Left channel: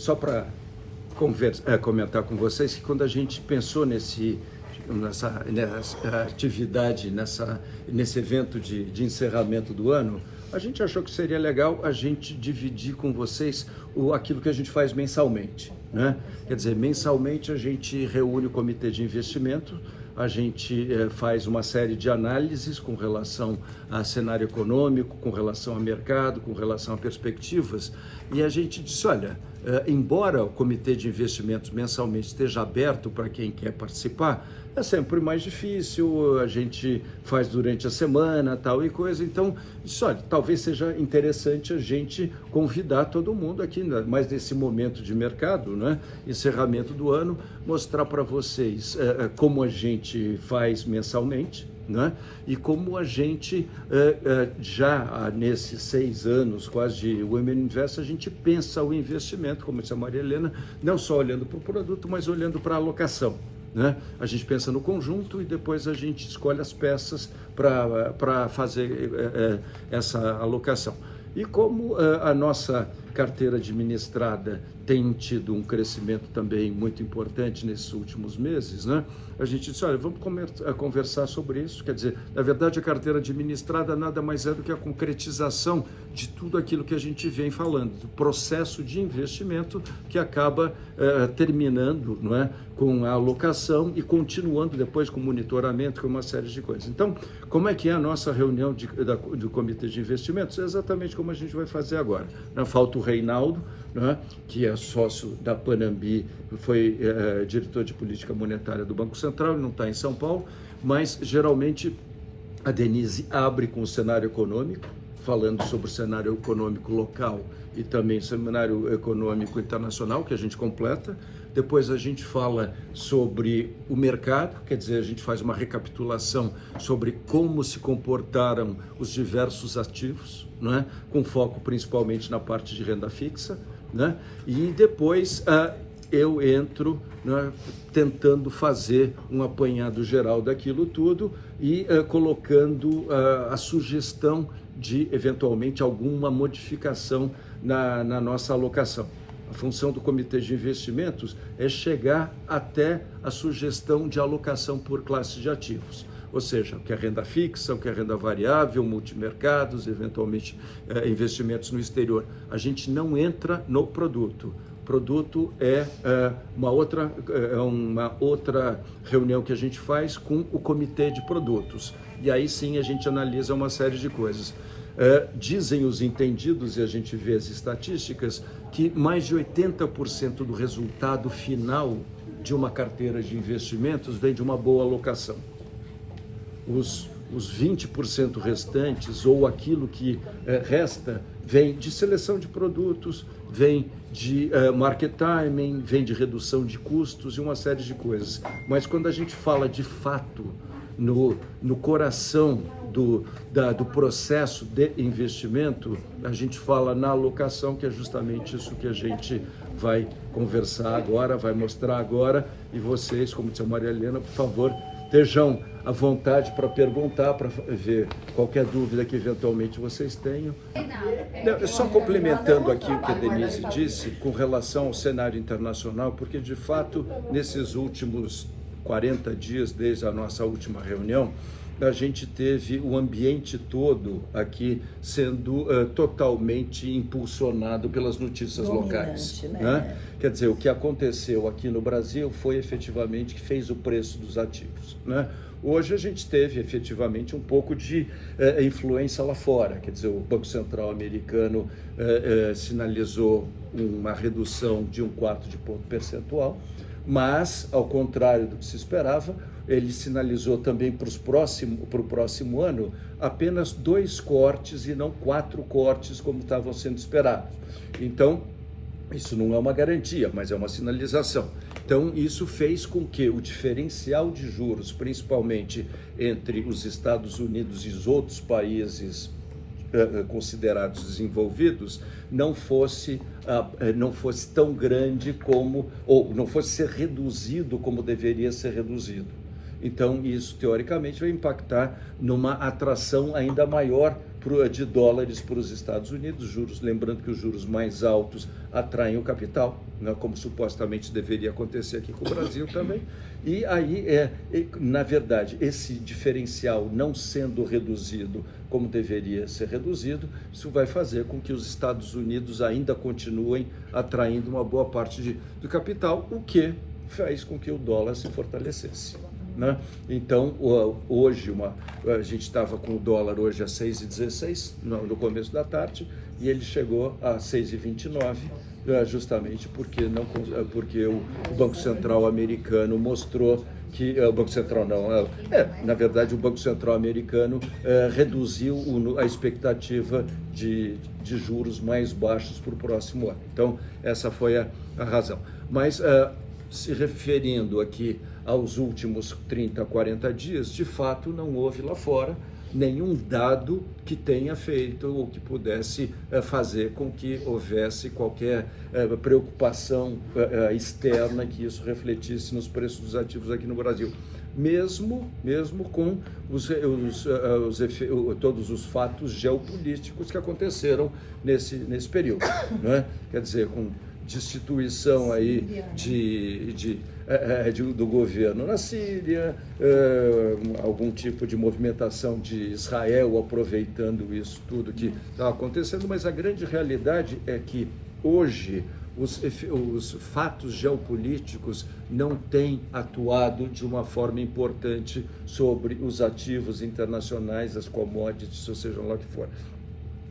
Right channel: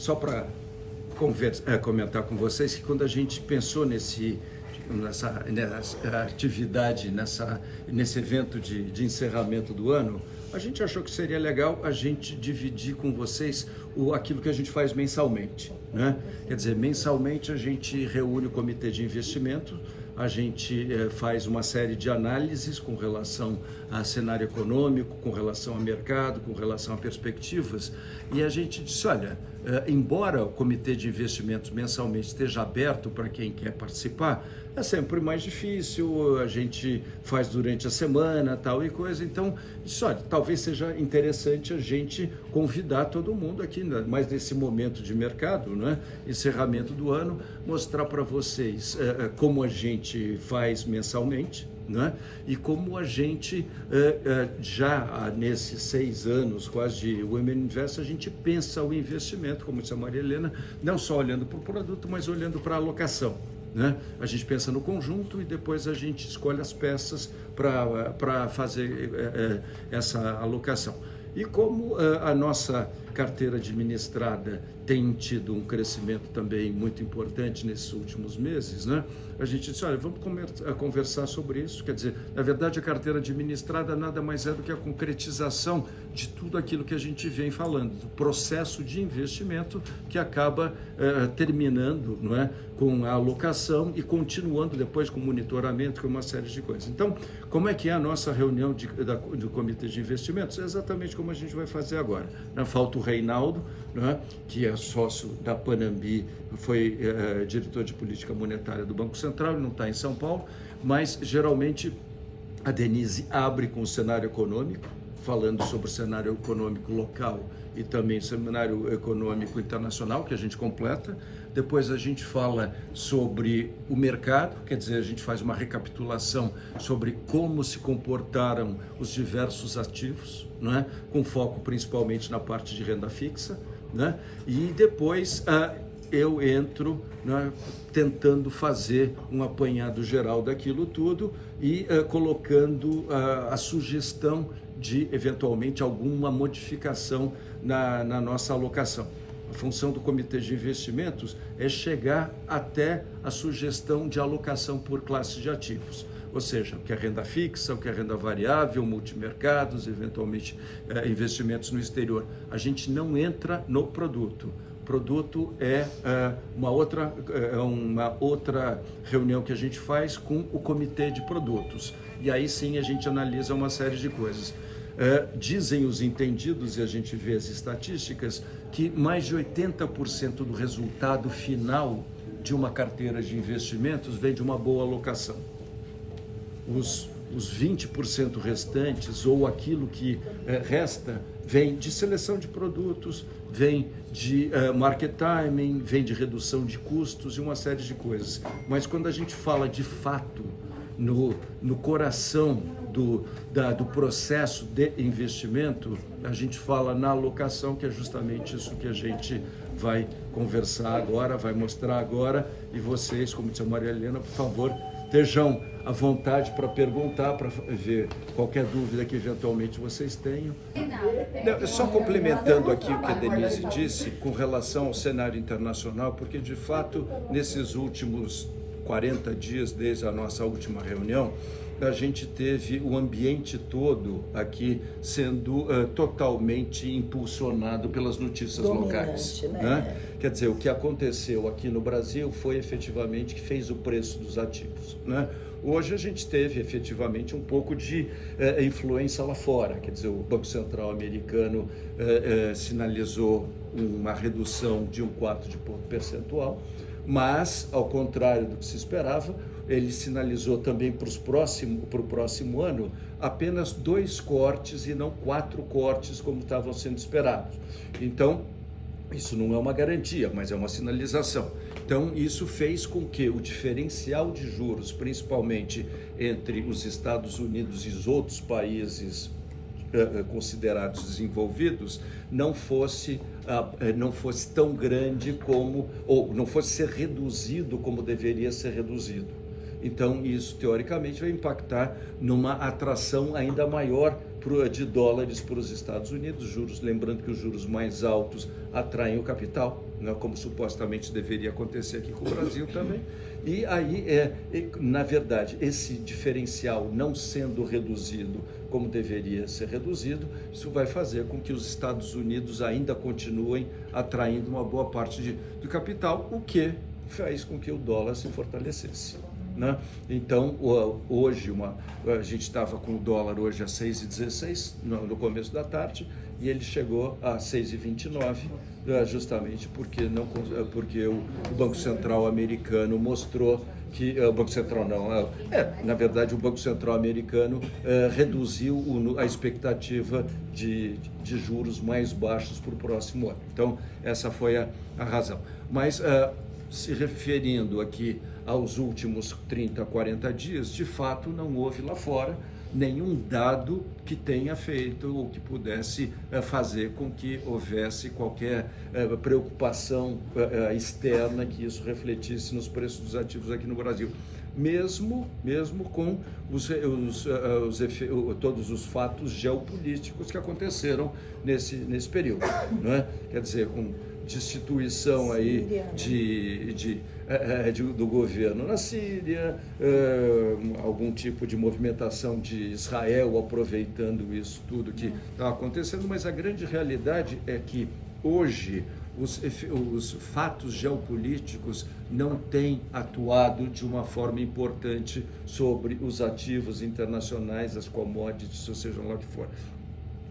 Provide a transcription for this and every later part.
Só para comentar com vocês que quando a gente pensou nessa atividade, nesse evento de encerramento do ano, a gente achou que seria legal a gente dividir com vocês aquilo que a gente faz mensalmente, né? Quer dizer, mensalmente a gente reúne o comitê de investimento, a gente faz uma série de análises com relação a cenário econômico, com relação a mercado, com relação a perspectivas, e a gente disse, olha, embora o comitê de investimentos mensalmente esteja aberto para quem quer participar, é sempre mais difícil, a gente faz durante a semana, tal e coisa, então, disse, olha, talvez seja interessante a gente convidar todo mundo aqui, mais nesse momento de mercado, né, encerramento do ano, mostrar para vocês como a gente faz mensalmente, né? E como a gente já nesses 6 anos quase de Women Invest, a gente pensa o investimento, como disse a Maria Helena, não só olhando para o produto, mas olhando para a alocação, né? A gente pensa no conjunto e depois a gente escolhe as peças para fazer essa alocação. E como a nossa carteira administrada tem tido um crescimento também muito importante nesses últimos meses, né? A gente disse, olha, vamos conversar sobre isso. Quer dizer, na verdade, a carteira administrada nada mais é do que a concretização de tudo aquilo que a gente vem falando, do processo de investimento que acaba terminando, não é, com a alocação e continuando depois com o monitoramento, com uma série de coisas. Então, como é que é a nossa reunião do Comitê de Investimentos? É exatamente como a gente vai fazer agora. Falta o Reinaldo, né, que é sócio da Panambi, foi diretor de política monetária do Banco Central, ele não está em São Paulo, mas geralmente a Denise abre com o cenário econômico, falando sobre o cenário econômico local e também o cenário econômico internacional, que a gente completa. Depois a gente fala sobre o mercado, quer dizer, a gente faz uma recapitulação sobre como se comportaram os diversos ativos, né? Com foco principalmente na parte de renda fixa, né? E depois eu entro, né, tentando fazer um apanhado geral daquilo tudo e colocando a sugestão de, eventualmente, alguma modificação na nossa alocação. A função do Comitê de Investimentos é chegar até a sugestão de alocação por classe de ativos, ou seja, o que é renda fixa, o que é renda variável, multimercados, eventualmente investimentos no exterior. A gente não entra no produto. O produto é uma outra reunião que a gente faz com o Comitê de Produtos. E aí sim a gente analisa uma série de coisas. Dizem os entendidos, e a gente vê as estatísticas, que mais de 80% do resultado final de uma carteira de investimentos vem de uma boa alocação. Os 20% restantes, ou aquilo que resta, vem de seleção de produtos, vem de market timing, vem de redução de custos e uma série de coisas. Mas quando a gente fala de fato no coração do processo de investimento, a gente fala na alocação, que é justamente isso que a gente vai conversar agora, vai mostrar agora, e vocês, como disse a Maria Helena, por favor, estejam à vontade para perguntar, para ver qualquer dúvida que eventualmente vocês tenham. Só complementando aqui o que a Denise disse com relação ao cenário internacional, porque de fato, nesses últimos 40 dias, desde a nossa última reunião, a gente teve o ambiente todo aqui sendo totalmente impulsionado pelas notícias locais, né? Quer dizer, o que aconteceu aqui no Brasil foi efetivamente que fez o preço dos ativos, né? Hoje a gente teve efetivamente um pouco de influência lá fora, quer dizer, o Banco Central americano sinalizou uma redução de 1/4 de ponto percentual, mas, ao contrário do que se esperava, ele sinalizou também para o próximo ano apenas 2 cortes e não 4 cortes como estavam sendo esperados. Então, isso não é uma garantia, mas é uma sinalização. Então, isso fez com que o diferencial de juros, principalmente entre os Estados Unidos e os outros países considerados desenvolvidos, não fosse tão grande como, ou não fosse ser reduzido como deveria ser reduzido. Então, isso, teoricamente, vai impactar numa atração ainda maior de dólares para os Estados Unidos, juros, lembrando que os juros mais altos atraem o capital, né, como supostamente deveria acontecer aqui com o Brasil também. E aí, na verdade, esse diferencial não sendo reduzido como deveria ser reduzido, isso vai fazer com que os Estados Unidos ainda continuem atraindo uma boa parte de capital, o que faz com que o dólar se fortalecesse. Né? Então, hoje, a gente estava com o dólar hoje a 6,16 no começo da tarde, e ele chegou a 6,29, justamente porque o Banco Central americano mostrou que o Banco Central na verdade o Banco Central americano reduziu a expectativa de juros mais baixos para o próximo ano. Então, essa foi a razão. Mas, se referindo aqui aos últimos 30, 40 dias, de fato não houve lá fora nenhum dado que tenha feito ou que pudesse fazer com que houvesse qualquer preocupação externa que isso refletisse nos preços dos ativos aqui no Brasil. Mesmo com todos os fatos geopolíticos que aconteceram nesse período, não é? Quer dizer, com destituição aí do governo na Síria, algum tipo de movimentação de Israel aproveitando isso tudo que está acontecendo, mas a grande realidade é que hoje os fatos geopolíticos não têm atuado de uma forma importante sobre os ativos internacionais, as commodities, ou seja lá o que for.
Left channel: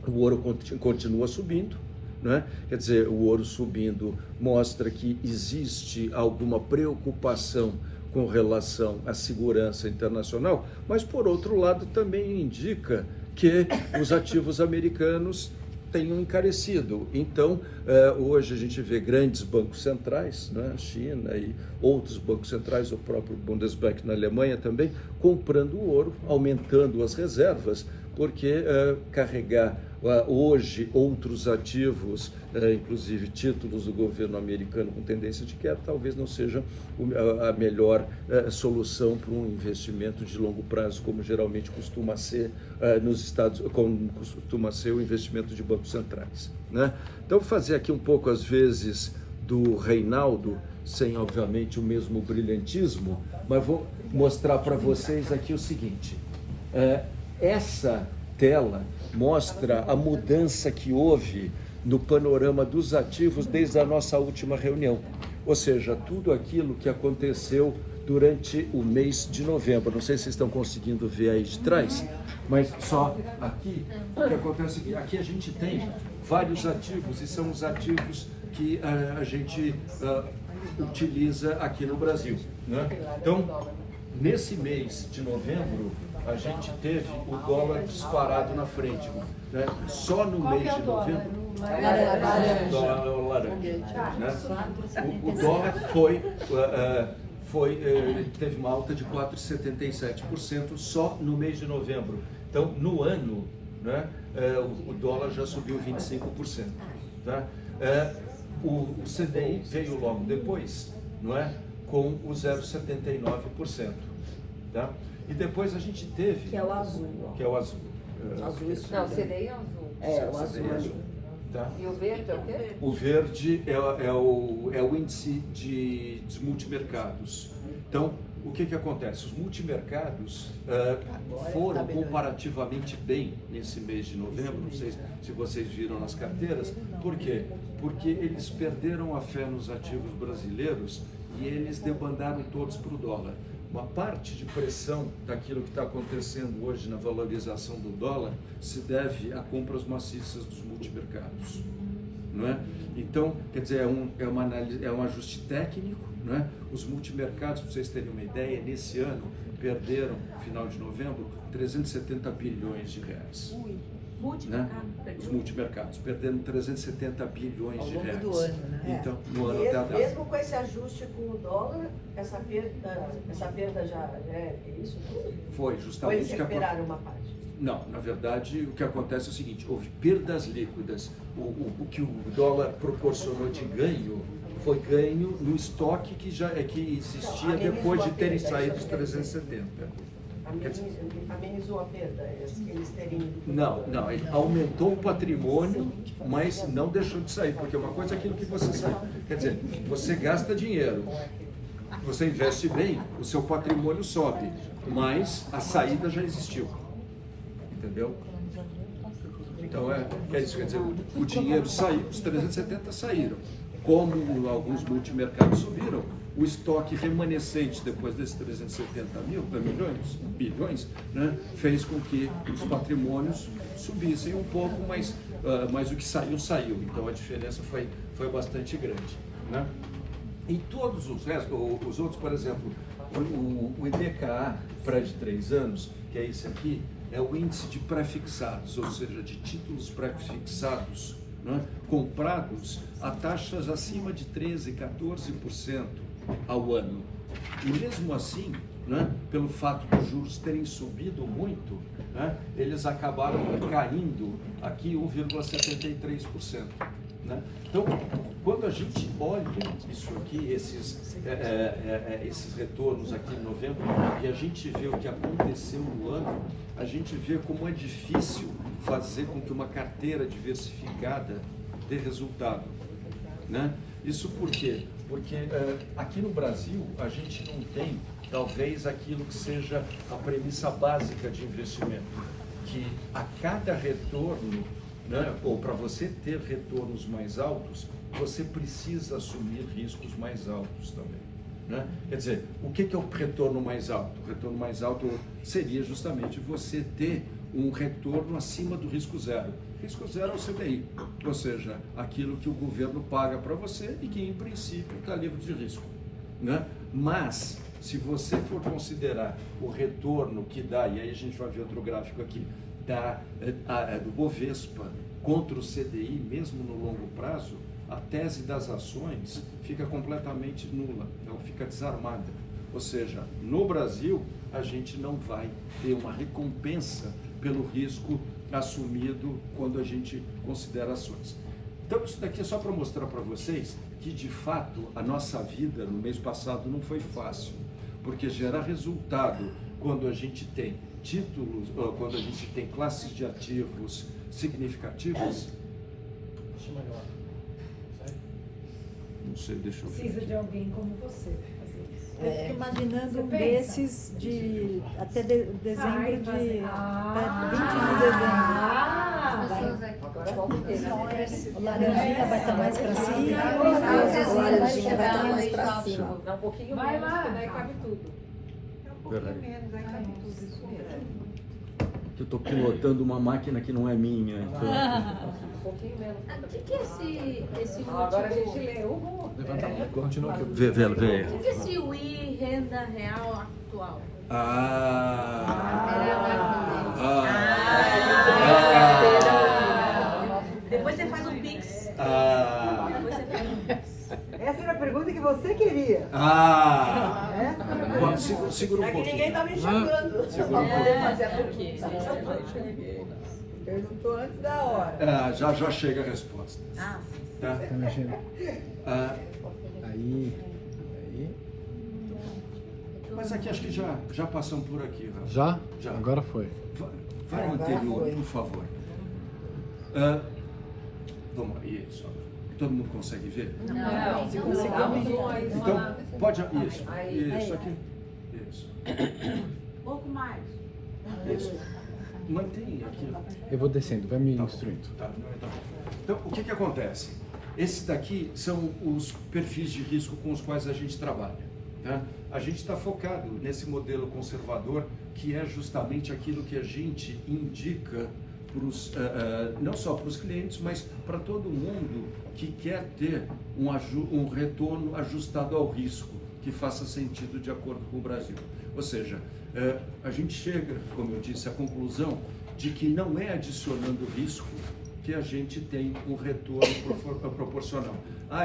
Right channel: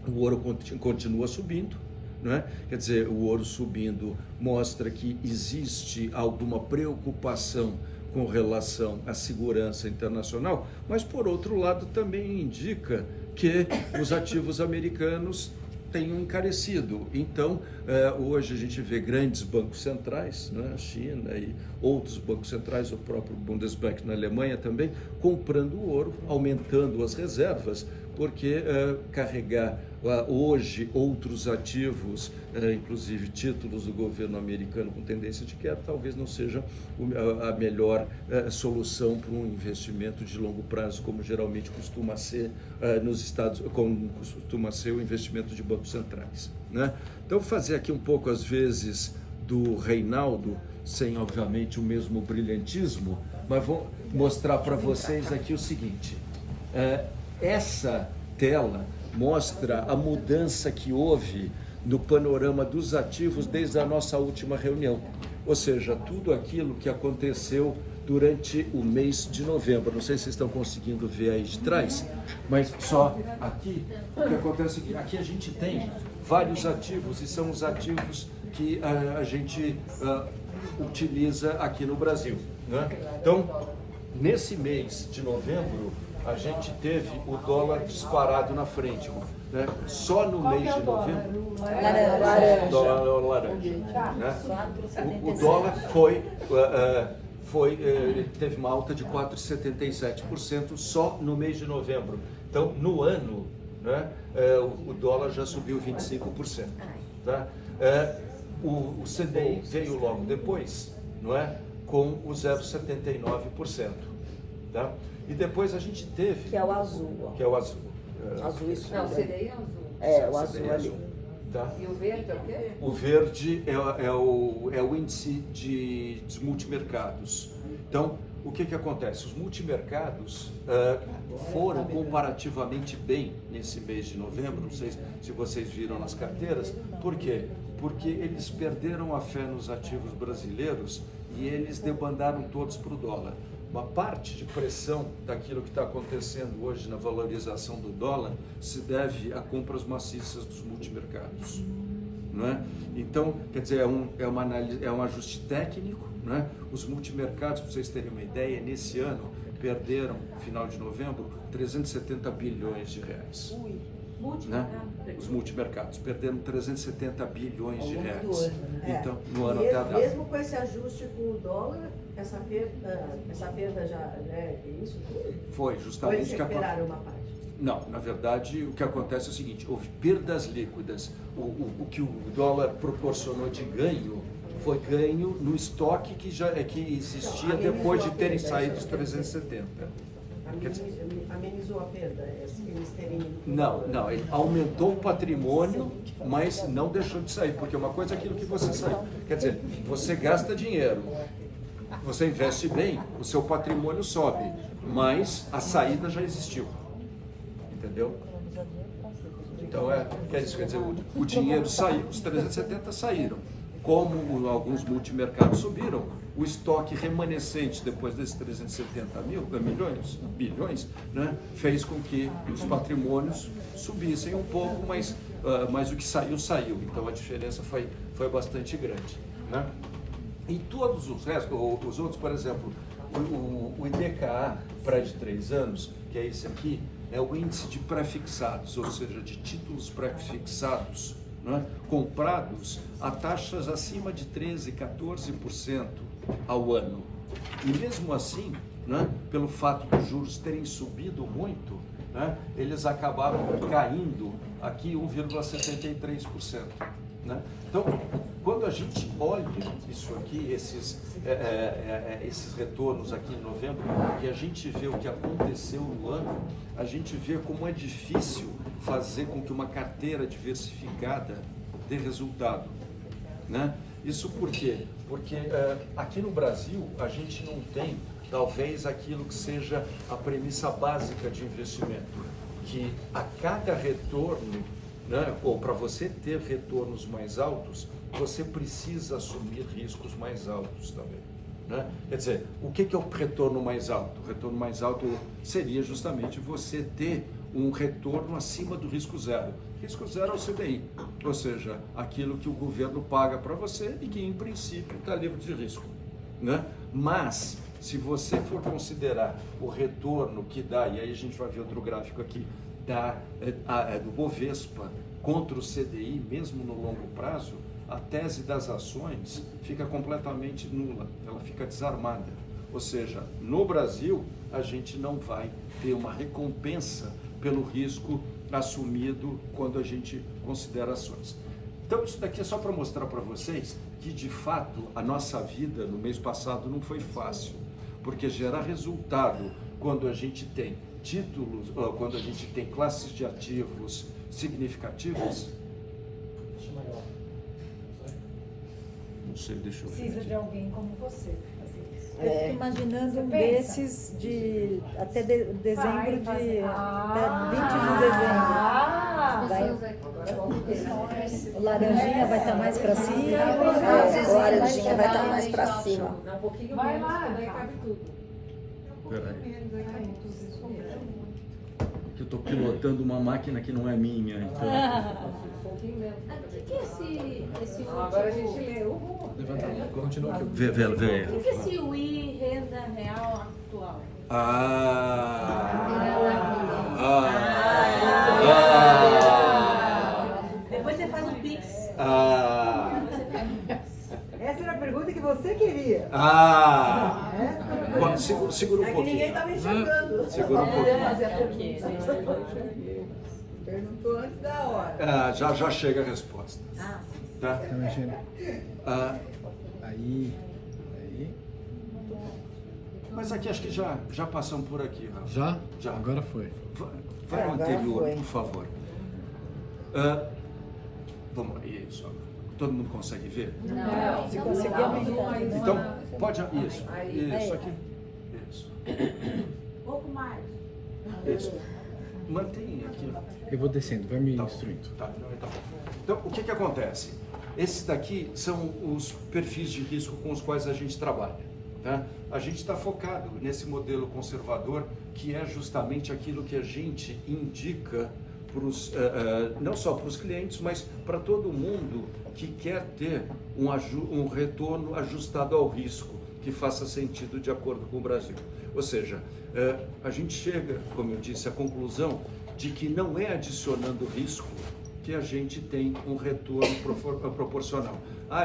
O ouro continua subindo, né? Quer dizer, o ouro subindo mostra que existe alguma preocupação com relação à segurança internacional, mas, por outro lado, também indica que os ativos americanos tenham encarecido. Então, hoje a gente vê grandes bancos centrais, né, China e outros bancos centrais, o próprio Bundesbank na Alemanha também, comprando ouro, aumentando as reservas, porque carregar hoje outros ativos, inclusive títulos do governo americano com tendência de queda, talvez não seja a melhor solução para um investimento de longo prazo, como geralmente costuma ser nos Estados, como costuma ser o investimento de bancos centrais, né? Então, vou fazer aqui um pouco, às vezes, do Reinaldo, sem, obviamente, o mesmo brilhantismo, mas vou mostrar para vocês aqui o seguinte. Essa tela mostra a mudança que houve no panorama dos ativos desde a nossa última reunião, ou seja, tudo aquilo que aconteceu durante o mês de novembro. Não sei se vocês estão conseguindo ver aí de trás, mas só aqui, o que acontece aqui, aqui a gente tem vários ativos, e são os ativos que a gente utiliza aqui no Brasil, né? Então, nesse mês de novembro, a gente teve o dólar disparado na frente, né? Só no mês de novembro, dólar laranja, né? O dólar teve uma alta de 4,77% só no mês de novembro. Então, no ano, né, o dólar já subiu 25%. Tá? O CDI veio logo depois, não é? Com o 0,79%. Tá? E depois a gente teve... Que é o azul. Que é o azul. Azul isso. Não, o CDI é azul. O azul CDI ali. Tá? E o verde é o quê? O verde é o índice de multimercados. Então, o que acontece? Os multimercados foram comparativamente bem nesse mês de novembro, não sei se vocês viram nas carteiras. Por quê? Porque eles perderam a fé nos ativos brasileiros e eles debandaram todos para o dólar. Uma parte de pressão daquilo que está acontecendo hoje na valorização do dólar se deve a compras maciças dos multimercados, não é? Então, quer dizer, é um ajuste técnico, não é? Os multimercados, para vocês terem uma ideia, nesse ano perderam, no final de novembro, 370 bilhões de reais. Né? Os multimercados perderam 370 bilhões de reais. Do ano, né? Então, no ano até a data. Mesmo com esse ajuste com o dólar, essa perda já é isso tudo? Foi Ou justamente eles recuperaram uma parte? Não, na verdade, o que acontece é o seguinte: houve perdas líquidas. O que o dólar proporcionou de ganho foi ganho no estoque que existia depois de terem saído os 370. Quer dizer, amenizou a perda, eles terem... Não, ele aumentou o patrimônio, mas não deixou de sair, porque uma coisa é aquilo que você sai. Quer dizer, você gasta dinheiro, você investe bem, o seu patrimônio sobe, mas a saída já existiu. Entendeu? Então é isso, quer dizer, o dinheiro saiu, os 370 saíram. Como alguns multimercados subiram, o estoque remanescente depois desses 370 bilhões, né, fez com que os patrimônios subissem um pouco, mas o que saiu. Então a diferença foi bastante grande. Né? E todos os restos, os outros, por exemplo, o IDKA para de 3 anos, que é esse aqui, é o índice de pré-fixados, ou seja, de títulos pré-fixados, né, comprados a taxas acima de 13%, 14% ao ano. E mesmo assim, né, pelo fato dos juros terem subido muito, né, eles acabaram caindo aqui 1,73%. Né? Então, quando a gente olha isso aqui, esses retornos aqui em novembro, e a gente vê o que aconteceu no ano, a gente vê como é difícil fazer com que uma carteira diversificada dê resultado. Né? Isso por quê? Porque aqui no Brasil a gente não tem, talvez, aquilo que seja a premissa básica de investimento, que a cada retorno, né, ou para você ter retornos mais altos, você precisa assumir riscos mais altos também. Né? Quer dizer, o que é o retorno mais alto? O retorno mais alto seria justamente você ter um retorno acima do risco zero. Risco zero é o CDI, ou seja, aquilo que o governo paga para você e que, em princípio, está livre de risco. Né? Mas, se você for considerar o retorno que dá, e aí a gente vai ver outro gráfico aqui, do Bovespa contra o CDI, mesmo no longo prazo, a tese das ações fica completamente nula, ela fica desarmada. Ou seja, no Brasil, a gente não vai ter uma recompensa pelo risco assumido quando a gente considera ações. Então, isso daqui é só para mostrar para vocês que, de fato, a nossa vida no mês passado não foi fácil, porque gera resultado quando a gente tem títulos, quando a gente tem classes de ativos significativas. Não sei, deixa eu ver. Precisa de alguém como você. Eu fico imaginando um desses de até dezembro de 20 de dezembro. O laranjinha vai estar mais para cima. O laranjinha vai estar mais para cima. Vai lá, cabe tudo. Peraí. Eu estou pilotando uma máquina que não é minha, então. O que é esse último? Agora a gente leu. Continua. Vê. O que é esse UI renda real atual? Depois você faz um Pix. Essa era a pergunta que você queria. Bom, segura um pouquinho. Ninguém está me chamando. Segura um pouquinho. Mas é porque. Perguntou antes da hora. Já chega a resposta. Tá? Tá mexendo. Aí. Mas aqui acho que já passamos por aqui, Rafa. Já? Já. Agora foi. Vai no Agora anterior, foi. por favor. Vamos lá, isso. Todo mundo consegue ver? Não, se conseguir. Então, pode. Isso aqui. Isso. Pouco mais. Isso. Mantém aqui. Eu vou descendo, vai me Tá bom. instruindo. Tá. Então, o que acontece? Esses daqui são os perfis de risco com os quais a gente trabalha. Tá? A gente está focado nesse modelo conservador, que é justamente aquilo que a gente indica não só para os clientes, mas para todo mundo que quer ter um retorno ajustado ao risco, que faça sentido de acordo com o Brasil. Ou seja, a gente chega, como eu disse, à conclusão de que não é adicionando risco que a gente tem um retorno proporcional.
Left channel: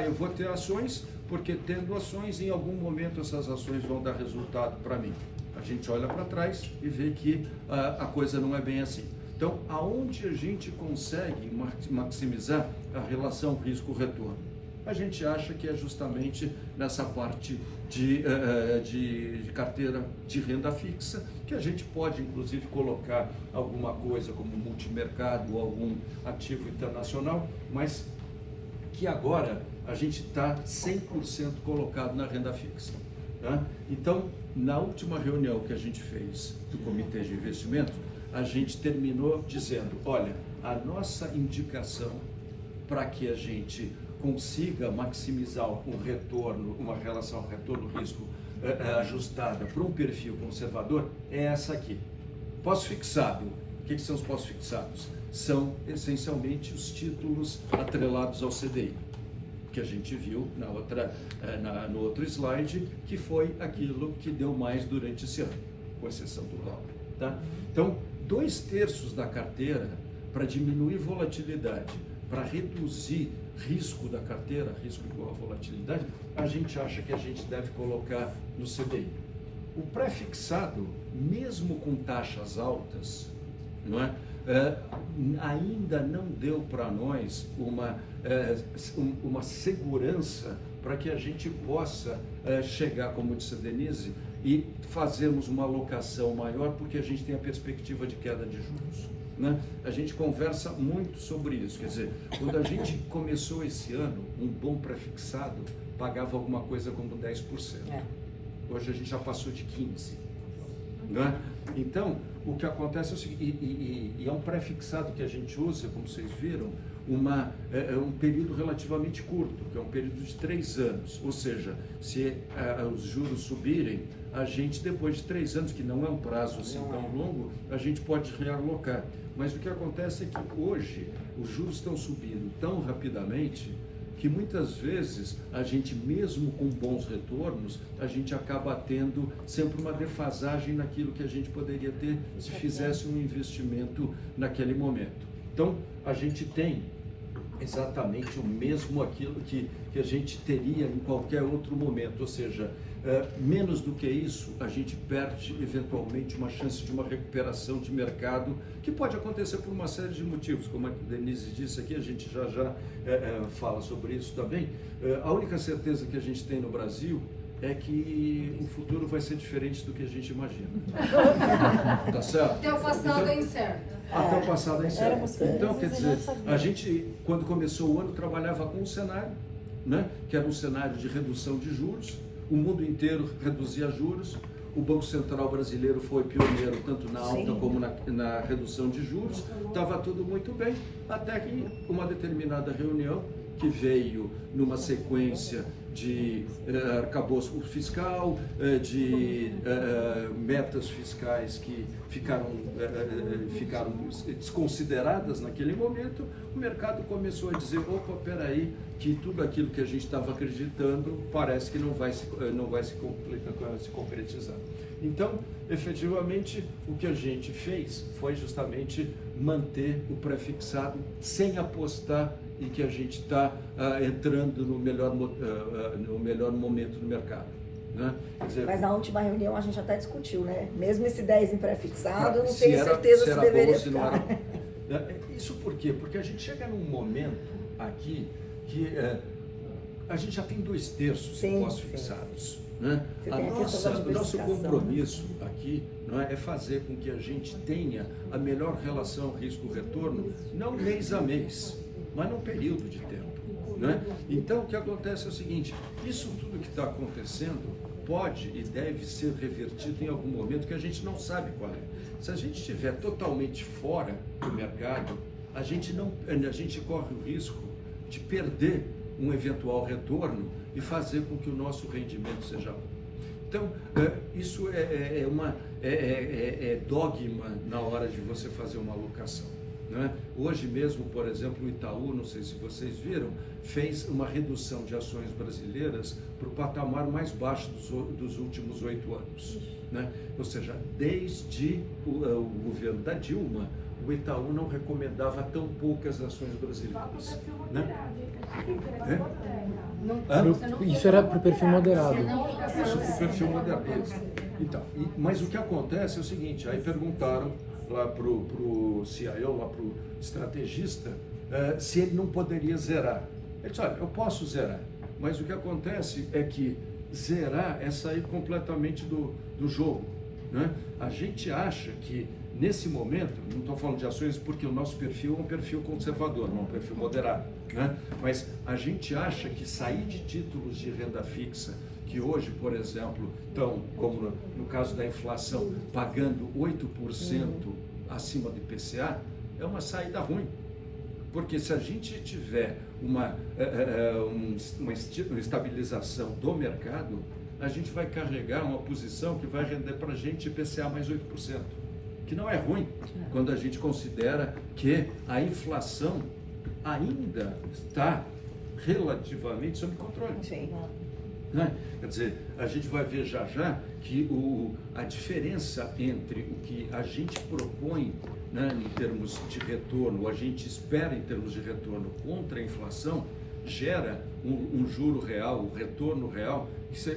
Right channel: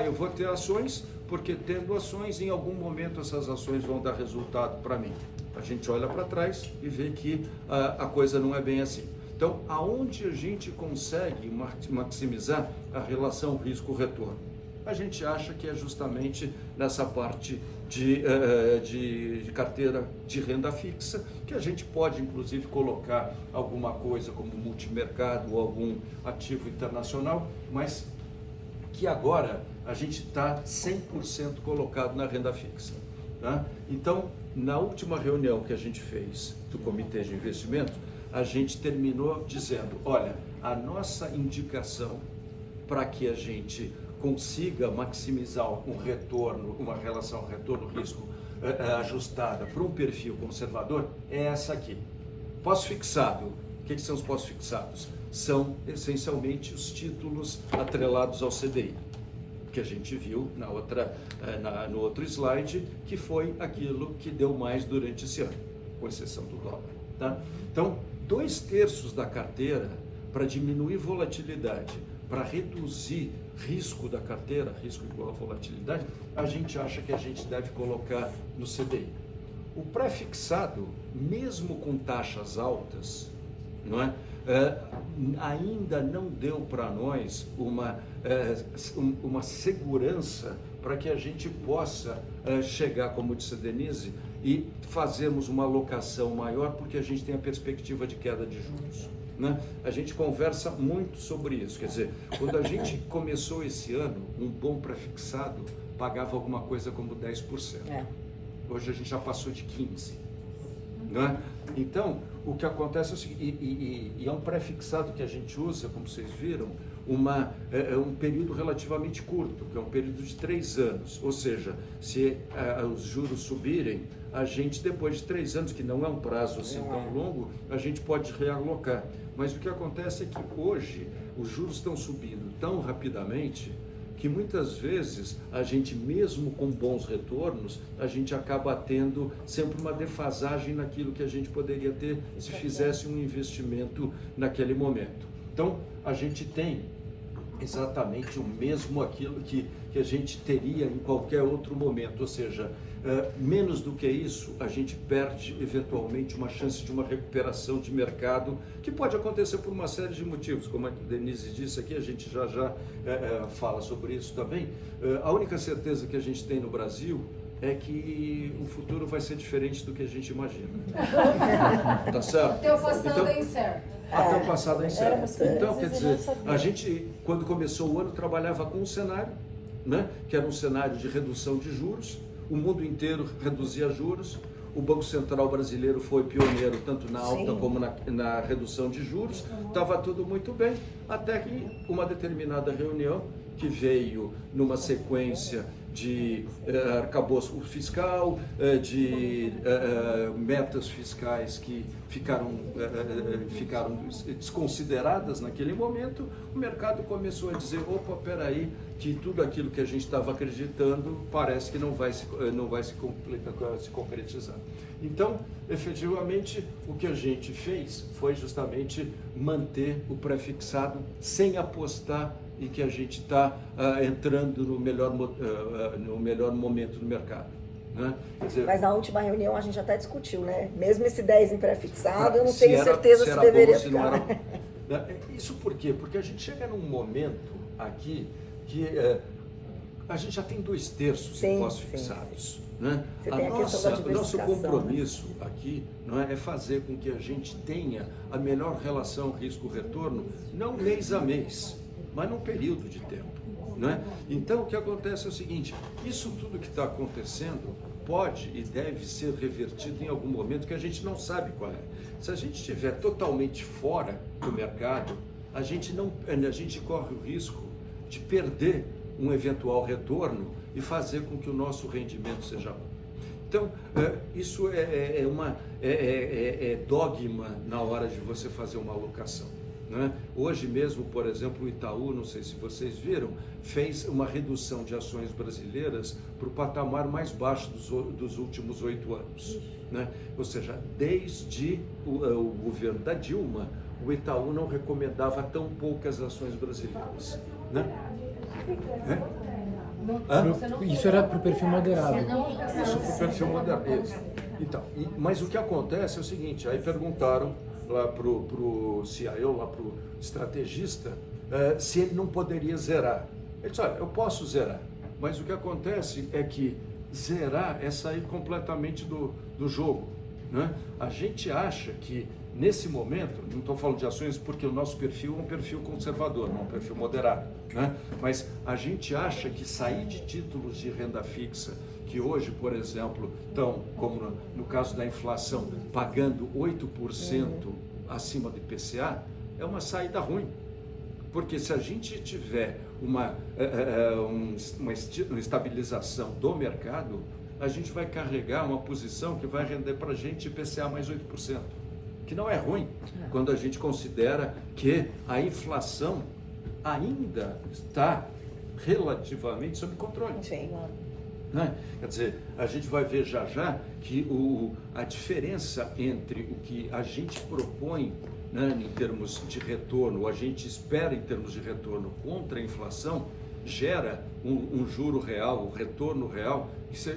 Eu vou ter ações, porque tendo ações, em algum momento essas ações vão dar resultado para mim. A gente olha para trás e vê que a coisa não é bem assim. Então, aonde a gente consegue maximizar a relação risco-retorno? a gente acha que é justamente nessa parte de carteira de renda fixa, que a gente pode inclusive colocar alguma coisa como multimercado ou algum ativo internacional, mas que agora a gente está 100% colocado na renda fixa. Tá? Então, na última reunião que a gente fez do Comitê de Investimento, a gente terminou dizendo, olha, a nossa indicação para que a gente consiga maximizar um retorno, uma relação retorno-risco ajustada para um perfil conservador, é essa aqui. Pós-fixado. O que são os pós-fixados? São essencialmente os títulos atrelados ao CDI, que a gente viu no outro slide, que foi aquilo que deu mais durante esse ano, com exceção do dólar. Tá? Então, 2/3 da carteira, para diminuir volatilidade, para reduzir risco da carteira, risco de volatilidade, a gente acha que a gente deve colocar no CDI. O pré-fixado, mesmo com taxas altas, não é? Ainda não deu para nós uma segurança para que a gente possa chegar, como disse a Denise, e fazermos uma alocação maior, porque a gente tem a perspectiva de queda de juros. Né? A gente conversa muito sobre isso, quer dizer, quando a gente começou esse ano, um bom pré-fixado pagava alguma coisa como 10%. Hoje a gente já passou de 15%. Né? Então, o que acontece é o seguinte, e é um pré-fixado que a gente usa, como vocês viram, um período relativamente curto, que é um período de 3 anos, ou seja, se os juros subirem, a gente depois de 3 anos, que não é um prazo assim tão longo, a gente pode realocar. Mas o que acontece é que hoje os juros estão subindo tão rapidamente que muitas vezes a gente, mesmo com bons retornos, a gente acaba tendo sempre uma defasagem naquilo que a gente poderia ter se fizesse um investimento naquele momento. Então, a gente tem exatamente o mesmo aquilo que a gente teria em qualquer outro momento, ou seja, menos do que isso, a gente perde eventualmente uma chance de uma recuperação de mercado, que pode acontecer por uma série de motivos, como a Denise disse aqui, a gente já fala sobre isso também. A única certeza que a gente tem no Brasil é que o futuro vai ser diferente do que a gente imagina. Tá certo? Até o passado é incerto. Até o passado é incerto. Então, quer dizer, a gente, quando começou o ano, trabalhava com um cenário, né, que era um cenário de redução de juros, o mundo inteiro reduzia juros, o Banco Central brasileiro foi pioneiro tanto na alta como na redução de juros, estava tudo muito bem, até que uma determinada reunião, que veio numa sequência de arcabouço fiscal, de metas fiscais que ficaram desconsideradas naquele momento, o mercado começou a dizer, opa, peraí, que tudo aquilo que a gente estava acreditando parece que não vai se concretizar. Então, efetivamente, o que a gente fez foi justamente manter o pré-fixado sem apostar e que a gente está entrando no melhor momento do mercado. Né? Quer dizer, mas na última reunião a gente até discutiu, né? Mesmo esse 10 em pré-fixado, eu não tenho certeza se deveria ficar. Isso por quê? Porque a gente chega num momento aqui que a gente já tem 2/3 de pós-fixados. Né? O nosso compromisso aqui, não é fazer com que a gente tenha a melhor relação risco-retorno, não mês a mês, mas num período de tempo. Né? Então, o que acontece é o seguinte, isso tudo que está acontecendo pode e deve ser revertido em algum momento que a gente não sabe qual é. Se a gente estiver totalmente fora do mercado, a gente corre o risco de perder um eventual retorno e fazer com que o nosso rendimento seja bom. Então, isso é dogma na hora de você fazer uma alocação. Né? Hoje mesmo, por exemplo, o Itaú, não sei se vocês viram, fez uma redução de ações brasileiras para o patamar mais baixo dos últimos 8 anos. Né? Ou seja, desde o governo da Dilma, o Itaú não recomendava tão poucas ações brasileiras. Né? Isso era para o perfil moderado. Isso para o perfil moderado. Então, mas o que acontece é o seguinte, aí perguntaram lá para o CIO, lá para o estrategista, se ele não poderia zerar Ele disse, olha, eu posso zerar, mas o que acontece é que zerar é sair completamente do jogo, né? A gente acha que nesse momento, não estou falando de ações porque o nosso perfil é um perfil conservador, não é um perfil moderado, né? Mas a gente acha que sair de títulos de renda fixa, que hoje, por exemplo, estão, como no caso da inflação, pagando 8% acima do IPCA, é uma saída ruim. Porque se a gente tiver uma estabilização do mercado, a gente vai carregar uma posição que vai render para a gente IPCA mais 8%, que não é ruim, quando a gente considera que a inflação ainda está relativamente sob controle. Sim. Né? Quer dizer, a gente vai ver já que a diferença entre o que a gente propõe, né, em termos de retorno, a gente espera em termos de retorno contra a inflação, gera um juro real, um retorno real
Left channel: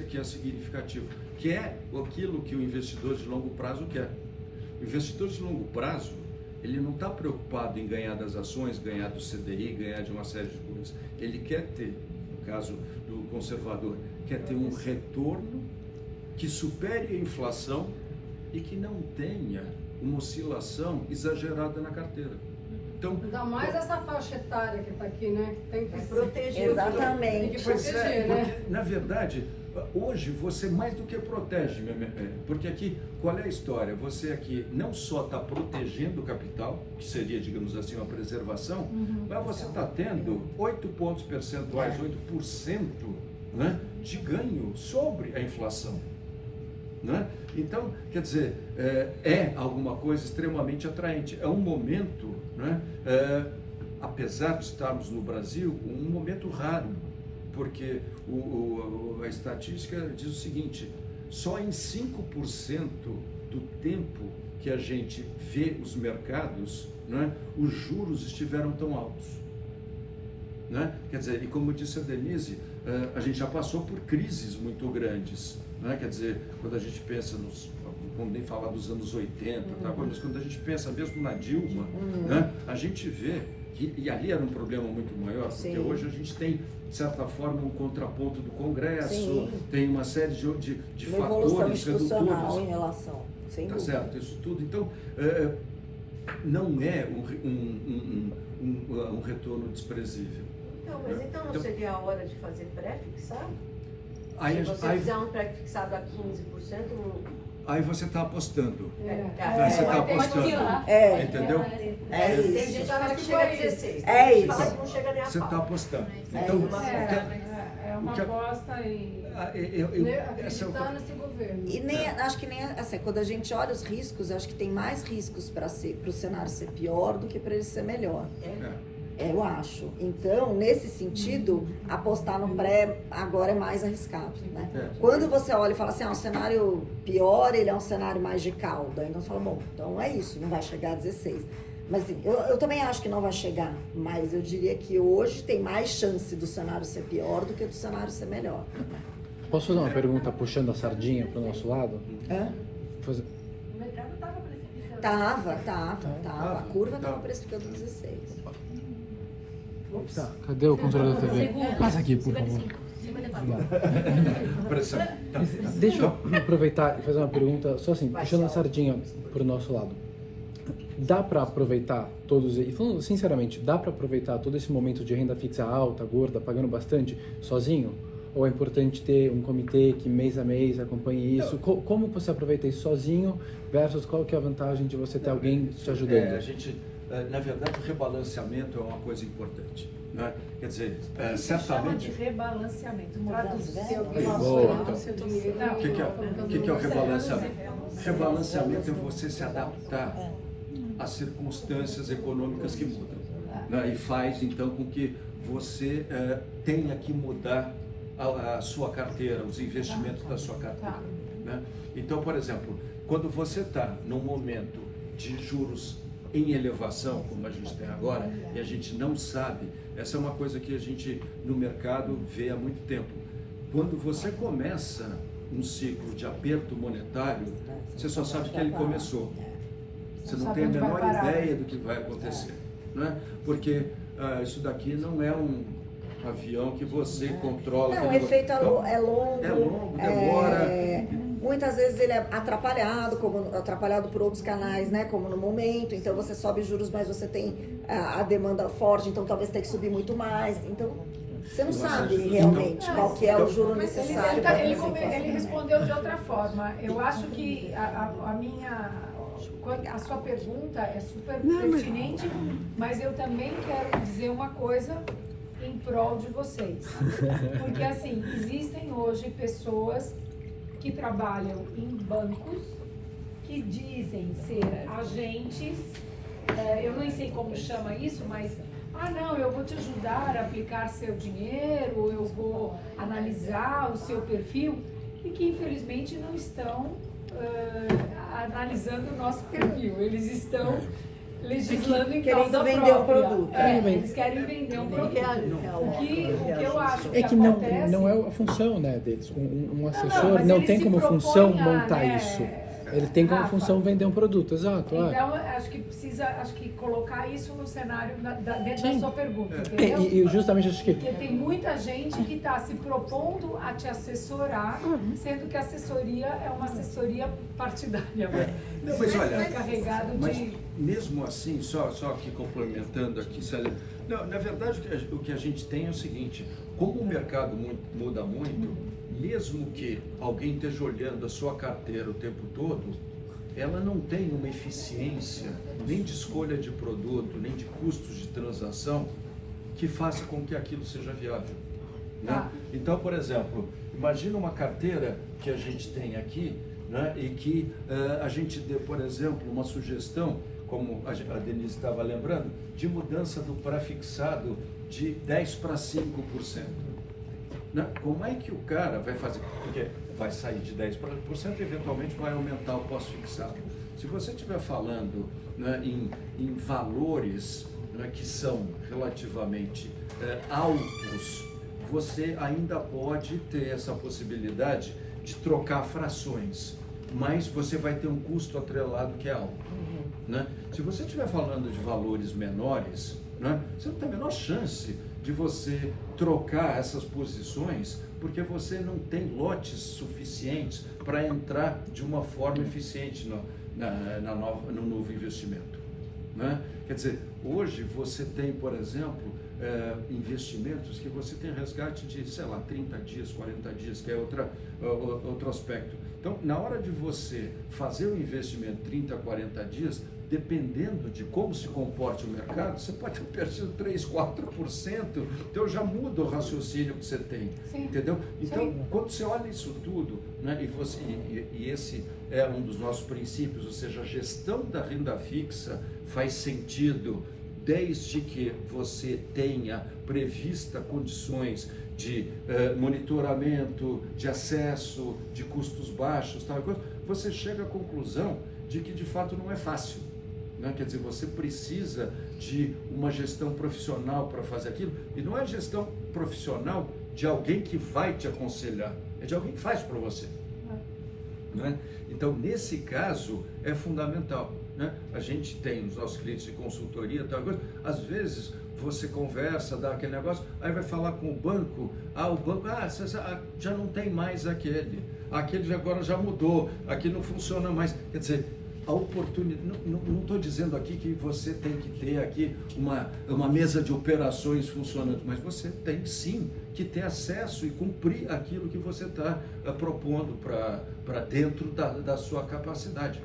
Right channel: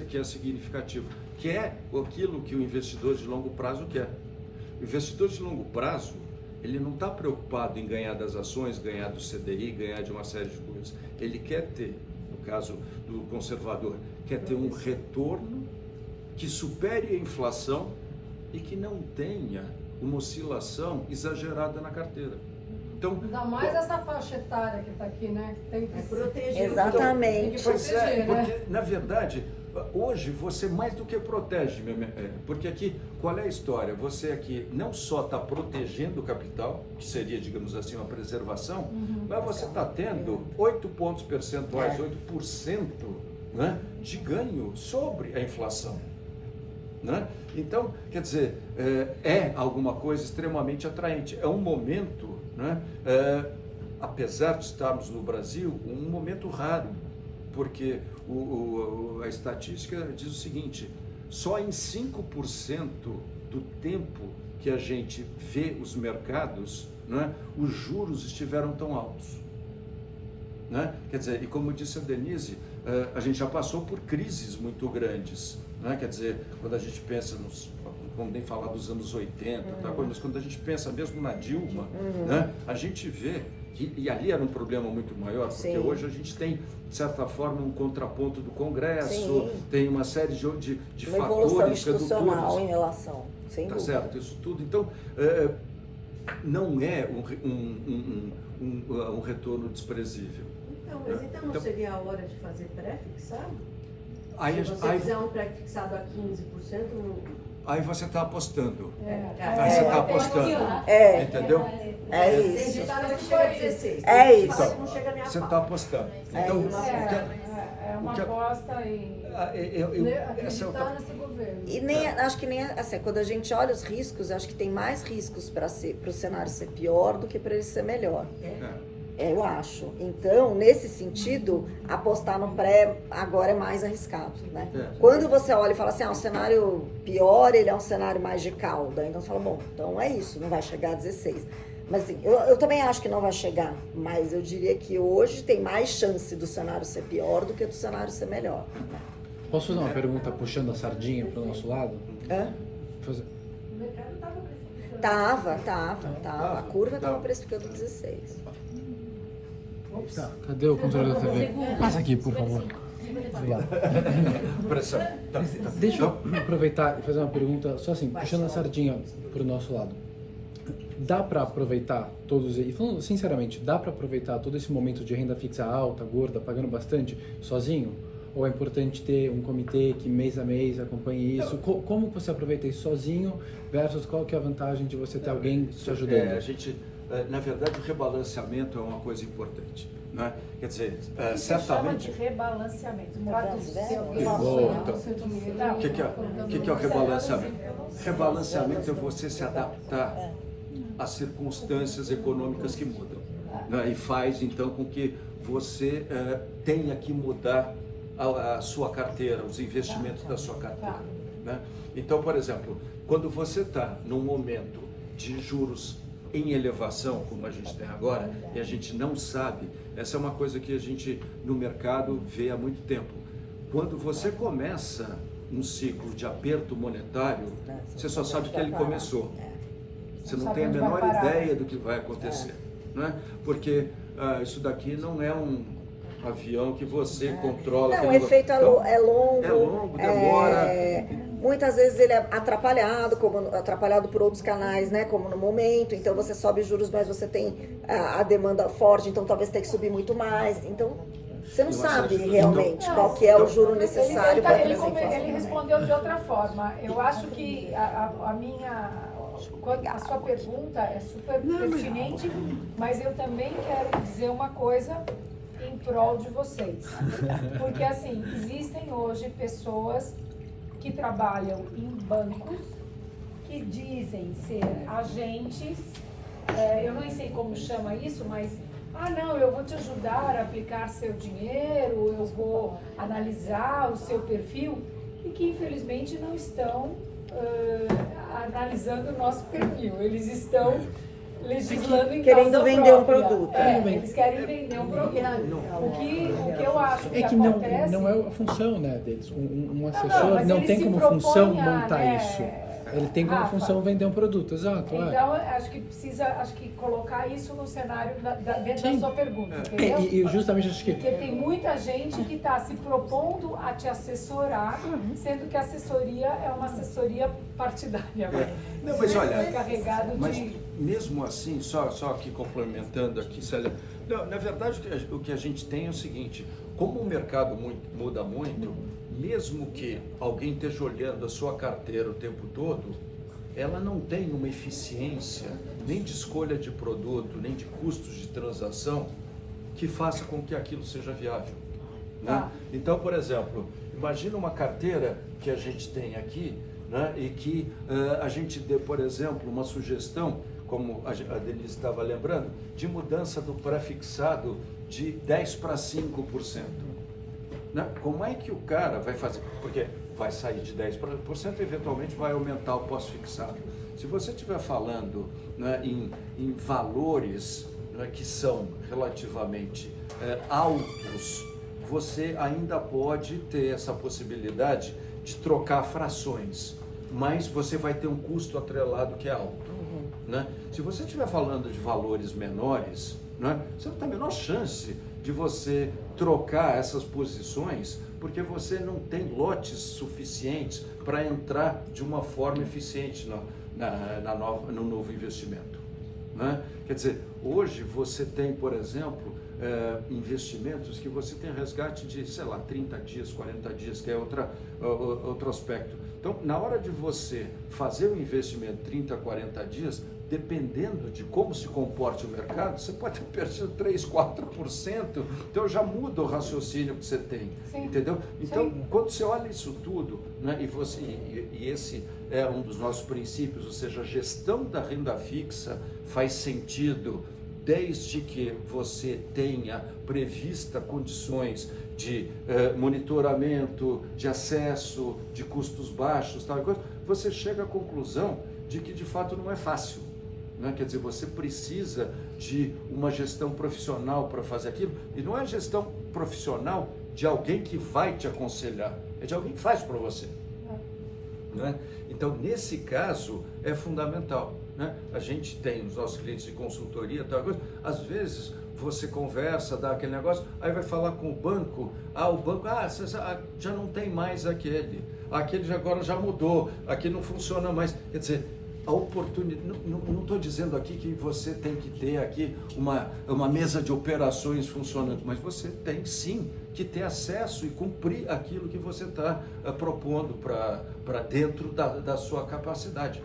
que é significativo, que é aquilo que o investidor de longo prazo quer. O investidor de longo prazo, ele não está preocupado em ganhar das ações, ganhar do CDI, ganhar de uma série de coisas. Ele quer ter, no caso do conservador, quer ter um retorno que supere a inflação e que não tenha uma oscilação exagerada na carteira. Então, Ainda mais essa faixa etária que está aqui, né? Que tem que proteger. Exatamente. Tem que pois proteger, é, né? porque, na verdade, hoje você mais do que protege, porque aqui, qual é a história? Você aqui não só está protegendo o capital, que seria, digamos assim, uma preservação, mas você está tendo 8 pontos percentuais, 8%, né, de ganho sobre a inflação. Né? Então, quer dizer, é alguma coisa extremamente atraente. É um momento, né, apesar de estarmos no Brasil, um momento raro, porque a estatística diz o seguinte, só em 5% do tempo que a gente vê os mercados, né, os juros estiveram tão altos. Né? Quer dizer, e como disse a Denise, a gente já passou por crises muito grandes. Né? Quer dizer, quando a gente pensa vamos nem falar dos anos 80, tá? Mas quando a gente pensa mesmo na Dilma, né? A gente vê que, e ali era um problema muito maior, porque hoje a gente tem, de certa forma, um contraponto do Congresso, tem uma série de fatores redutores. Em relação, sem tá dúvida. certo, isso tudo. Então, não é um retorno desprezível. Então não seria a hora de fazer pré-fixado? Aí, Se você fizer um pré-fixado a 15%, aí você está apostando. você está apostando. Entendeu? É Tem isso. que estar Não nesse chega a país. 16. É Tem que isso. falar que não chega nem a Você pau. está apostando. Então, É uma aposta em acreditar nesse governo. E nem, acho que nem assim, quando a gente olha os riscos, acho que tem mais riscos para o cenário ser pior do que para ele ser melhor. Eu acho. Então, nesse sentido, apostar no pré agora é mais arriscado, né? Quando você olha e fala assim, o cenário pior, ele é um cenário mais de cauda. Então você fala, bom, então é isso, não vai chegar a 16. Mas assim, eu também acho que não vai chegar, mas eu diria que hoje tem mais chance do cenário ser pior do que do cenário ser melhor. Posso fazer uma pergunta puxando a sardinha para o nosso lado? O mercado estava precificando. Tava. A curva estava precificando 16. Tá, cadê o controle da TV? Passa aqui, por favor. Pressão. Deixa eu aproveitar e fazer uma pergunta, só assim, puxando a sardinha para o nosso lado. Dá para aproveitar e falando sinceramente, dá para aproveitar todo esse momento de renda fixa alta, gorda, pagando bastante, sozinho? Ou é importante ter um comitê que mês a mês acompanhe isso? Como você aproveita isso sozinho versus qual que é a vantagem de você ter alguém te ajudando? Na verdade, o rebalanceamento é uma coisa importante. Né? Quer dizer, Chama certamente... de rebalanceamento. Traduz seu Volta. dinheiro. O que é o rebalanceamento? Rebalanceamento é você se adaptar às circunstâncias econômicas que mudam. Né? E faz, então, com que você tenha que mudar a sua carteira, os investimentos da sua carteira. Né? Então, por exemplo, quando você está num momento de juros em elevação, como a gente tem agora, e a gente não sabe, essa é uma coisa que a gente no mercado vê há muito tempo. Quando você começa um ciclo de aperto monetário, você só sabe que ele começou. Você não tem a menor ideia do que vai acontecer. Né? Porque isso daqui não é avião que você controla. Não, o aquele efeito negócio. é longo. É longo, demora. Muitas vezes ele é atrapalhado por outros canais, né? Como no momento. Então você sobe os juros, mas você tem a demanda forte, então talvez tenha que subir muito mais. Então você não sabe realmente qual que é o juro necessário para ele respondeu de outra forma. Eu acho que a sua pergunta é super pertinente, mas eu também quero dizer uma coisa em prol de vocês. Porque assim, existem hoje pessoas que trabalham em bancos que dizem ser agentes, eu não sei como chama isso, mas não, eu vou te ajudar a aplicar seu dinheiro, eu vou analisar o seu perfil, e que infelizmente não estão analisando o nosso perfil, eles estão legislando em querendo causa vender um própria. produto. Eles querem vender um produto. O que eu acho que É que acontece... não é a função, né, deles. Um assessor mas não ele tem se como propõe função a, montar né, isso. Ele tem como Rafa, função vender um produto, exato. Então, acho que precisa colocar isso no cenário dentro Sim. da sua pergunta, entendeu? E justamente acho que Porque tem muita gente que está se propondo a te assessorar, sendo que a assessoria é uma assessoria partidária. Não, mas olha, é carregado mas de... mesmo assim, só aqui complementando aqui, Célia, não, na verdade o que a gente tem é o seguinte, como o mercado muda muito, mesmo que alguém esteja olhando a sua carteira o tempo todo, ela não tem uma eficiência nem de escolha de produto, nem de custos de transação que faça com que aquilo seja viável, né? Então, por exemplo, imagina uma carteira que a gente tem aqui, né, e que a gente dê, por exemplo, uma sugestão, como a Denise estava lembrando, de mudança do pré-fixado de 10% para 5%. Né? Como é que o cara vai fazer? Porque vai sair de 10% e eventualmente vai aumentar o pós-fixado. Se você estiver falando, né, em valores, né, que são relativamente altos, você ainda pode ter essa possibilidade de trocar frações, mas você vai ter um custo atrelado que é alto. Né? Se você estiver falando de valores menores, né, você não tem a menor chance de você trocar essas posições, porque você não tem lotes suficientes para entrar de uma forma eficiente no novo investimento. Né? Quer dizer, hoje você tem, por exemplo, investimentos que você tem resgate de, 30 dias, 40 dias, que é outro aspecto. Então, na hora de você fazer um investimento 30, 40 dias, dependendo de como se comporte o mercado, você pode ter perdido 3, 4%, então já muda o raciocínio que você tem, Sim. entendeu? Então, Sim. quando você olha isso tudo, né, e esse é um dos nossos princípios, ou seja, a gestão da renda fixa faz sentido desde que você tenha prevista condições de monitoramento, de acesso, de custos baixos, tal coisa, você chega à conclusão de que de fato não é fácil. Né? Quer dizer, você precisa de uma gestão profissional para fazer aquilo, e não é gestão profissional de alguém que vai te aconselhar, é de alguém que faz para você. Né? Então, nesse caso, é fundamental. Né? A gente tem os nossos clientes de consultoria, tal coisa, às vezes você conversa, dá aquele negócio, aí vai falar com o banco, o banco, já não tem mais aquele agora já mudou, aqui não funciona mais. Quer dizer, a oportunidade, não estou dizendo aqui que você tem que ter aqui uma mesa de operações funcionando, mas você tem sim que ter acesso e cumprir aquilo que você está propondo para dentro da sua capacidade.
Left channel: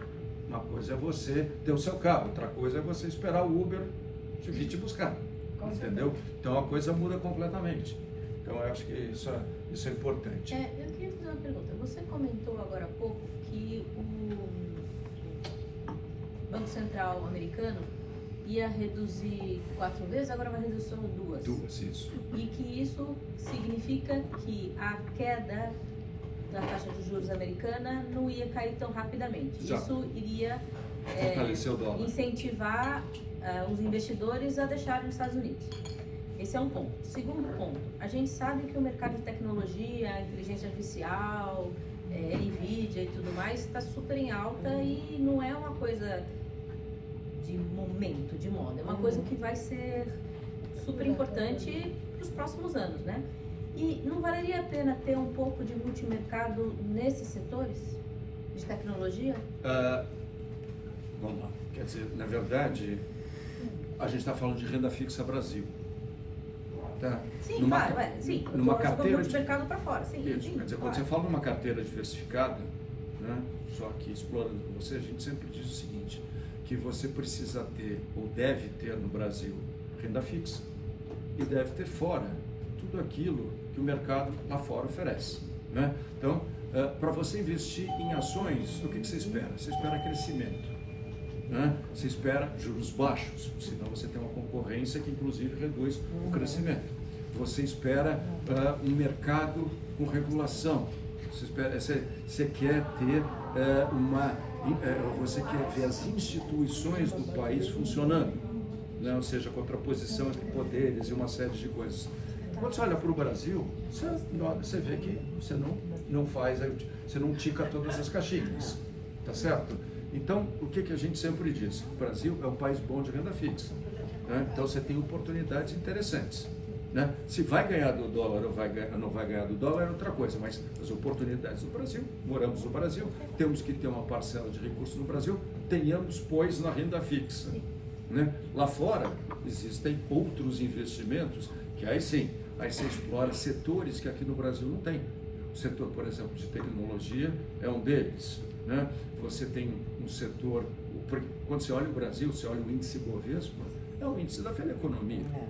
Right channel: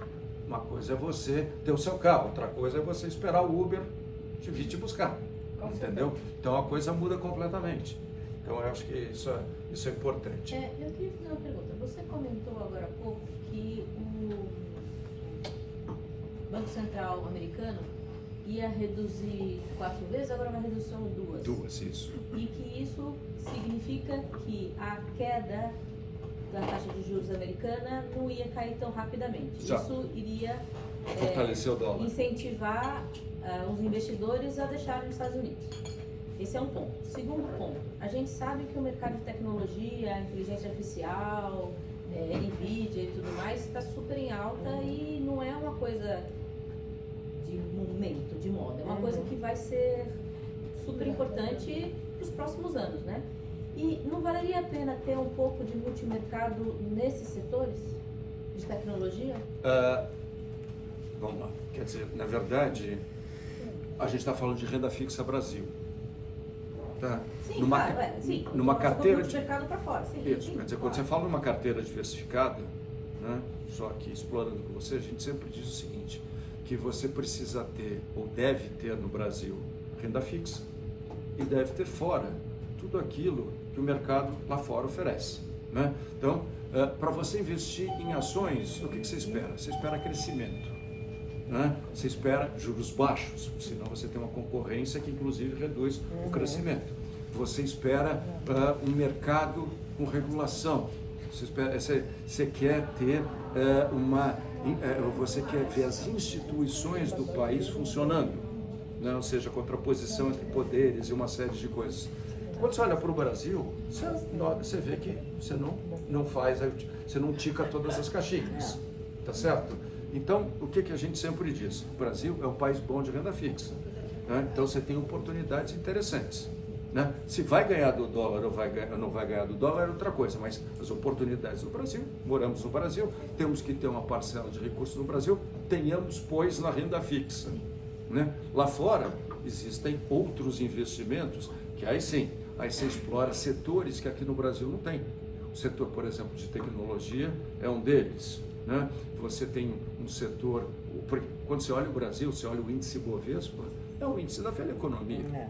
Uma coisa é você ter o seu carro, outra coisa é você esperar o Uber vir te buscar, entendeu? Então a coisa muda completamente. Então eu acho que isso é importante. Eu queria fazer uma pergunta. Você comentou agora há pouco que o Banco Central americano ia reduzir 4 vezes, agora vai reduzir só 2. 2, isso. E que isso significa que a queda da taxa de juros americana não ia cair tão rapidamente. Exato. Isso iria Fortalecer o dólar. incentivar os investidores a deixarem os Estados Unidos. Esse é um ponto. Segundo ponto, a gente sabe que o mercado de tecnologia, inteligência artificial, NVIDIA e tudo mais está super em alta e não é uma coisa de momento, de moda. É uma coisa que vai ser super importante para os próximos anos, né? E não valeria a pena ter um pouco de multimercado nesses setores de tecnologia? Vamos lá. Quer dizer, na verdade, a gente está falando de renda fixa Brasil. Tá? Sim, Numa, claro, sim. Numa carteira de mercado para fora, sim. Isso, sim, quer dizer, claro. quando você fala numa carteira diversificada, né, só que explorando com você, a gente sempre diz o seguinte, que você precisa ter, ou deve ter no Brasil, renda fixa, e deve ter fora tudo aquilo que o mercado lá fora oferece. Né? Então, para você investir em ações, o que você espera? Você espera crescimento. Né? Você espera juros baixos, senão você tem uma concorrência que inclusive reduz o crescimento. Você espera um mercado com regulação. Você quer ter você quer ver as instituições do país funcionando, né? Ou seja, contraposição entre poderes e uma série de coisas. Quando você olha para o Brasil, você vê que você não tica todas as caixinhas, tá certo? Então, o que a gente sempre diz? O Brasil é um país bom de renda fixa, né? Então você tem oportunidades interessantes, né? Se vai ganhar do dólar ou não vai ganhar do dólar é outra coisa, mas as oportunidades no Brasil, moramos no Brasil, temos que ter uma parcela de recursos no Brasil, tenhamos, pois, na renda fixa, né? Lá fora existem outros investimentos que aí sim, aí você explora setores que aqui no Brasil não tem. O setor, por exemplo, de tecnologia é um deles, né? Você tem um setor, quando você olha o Brasil, você olha o índice Bovespa, é o índice da velha economia.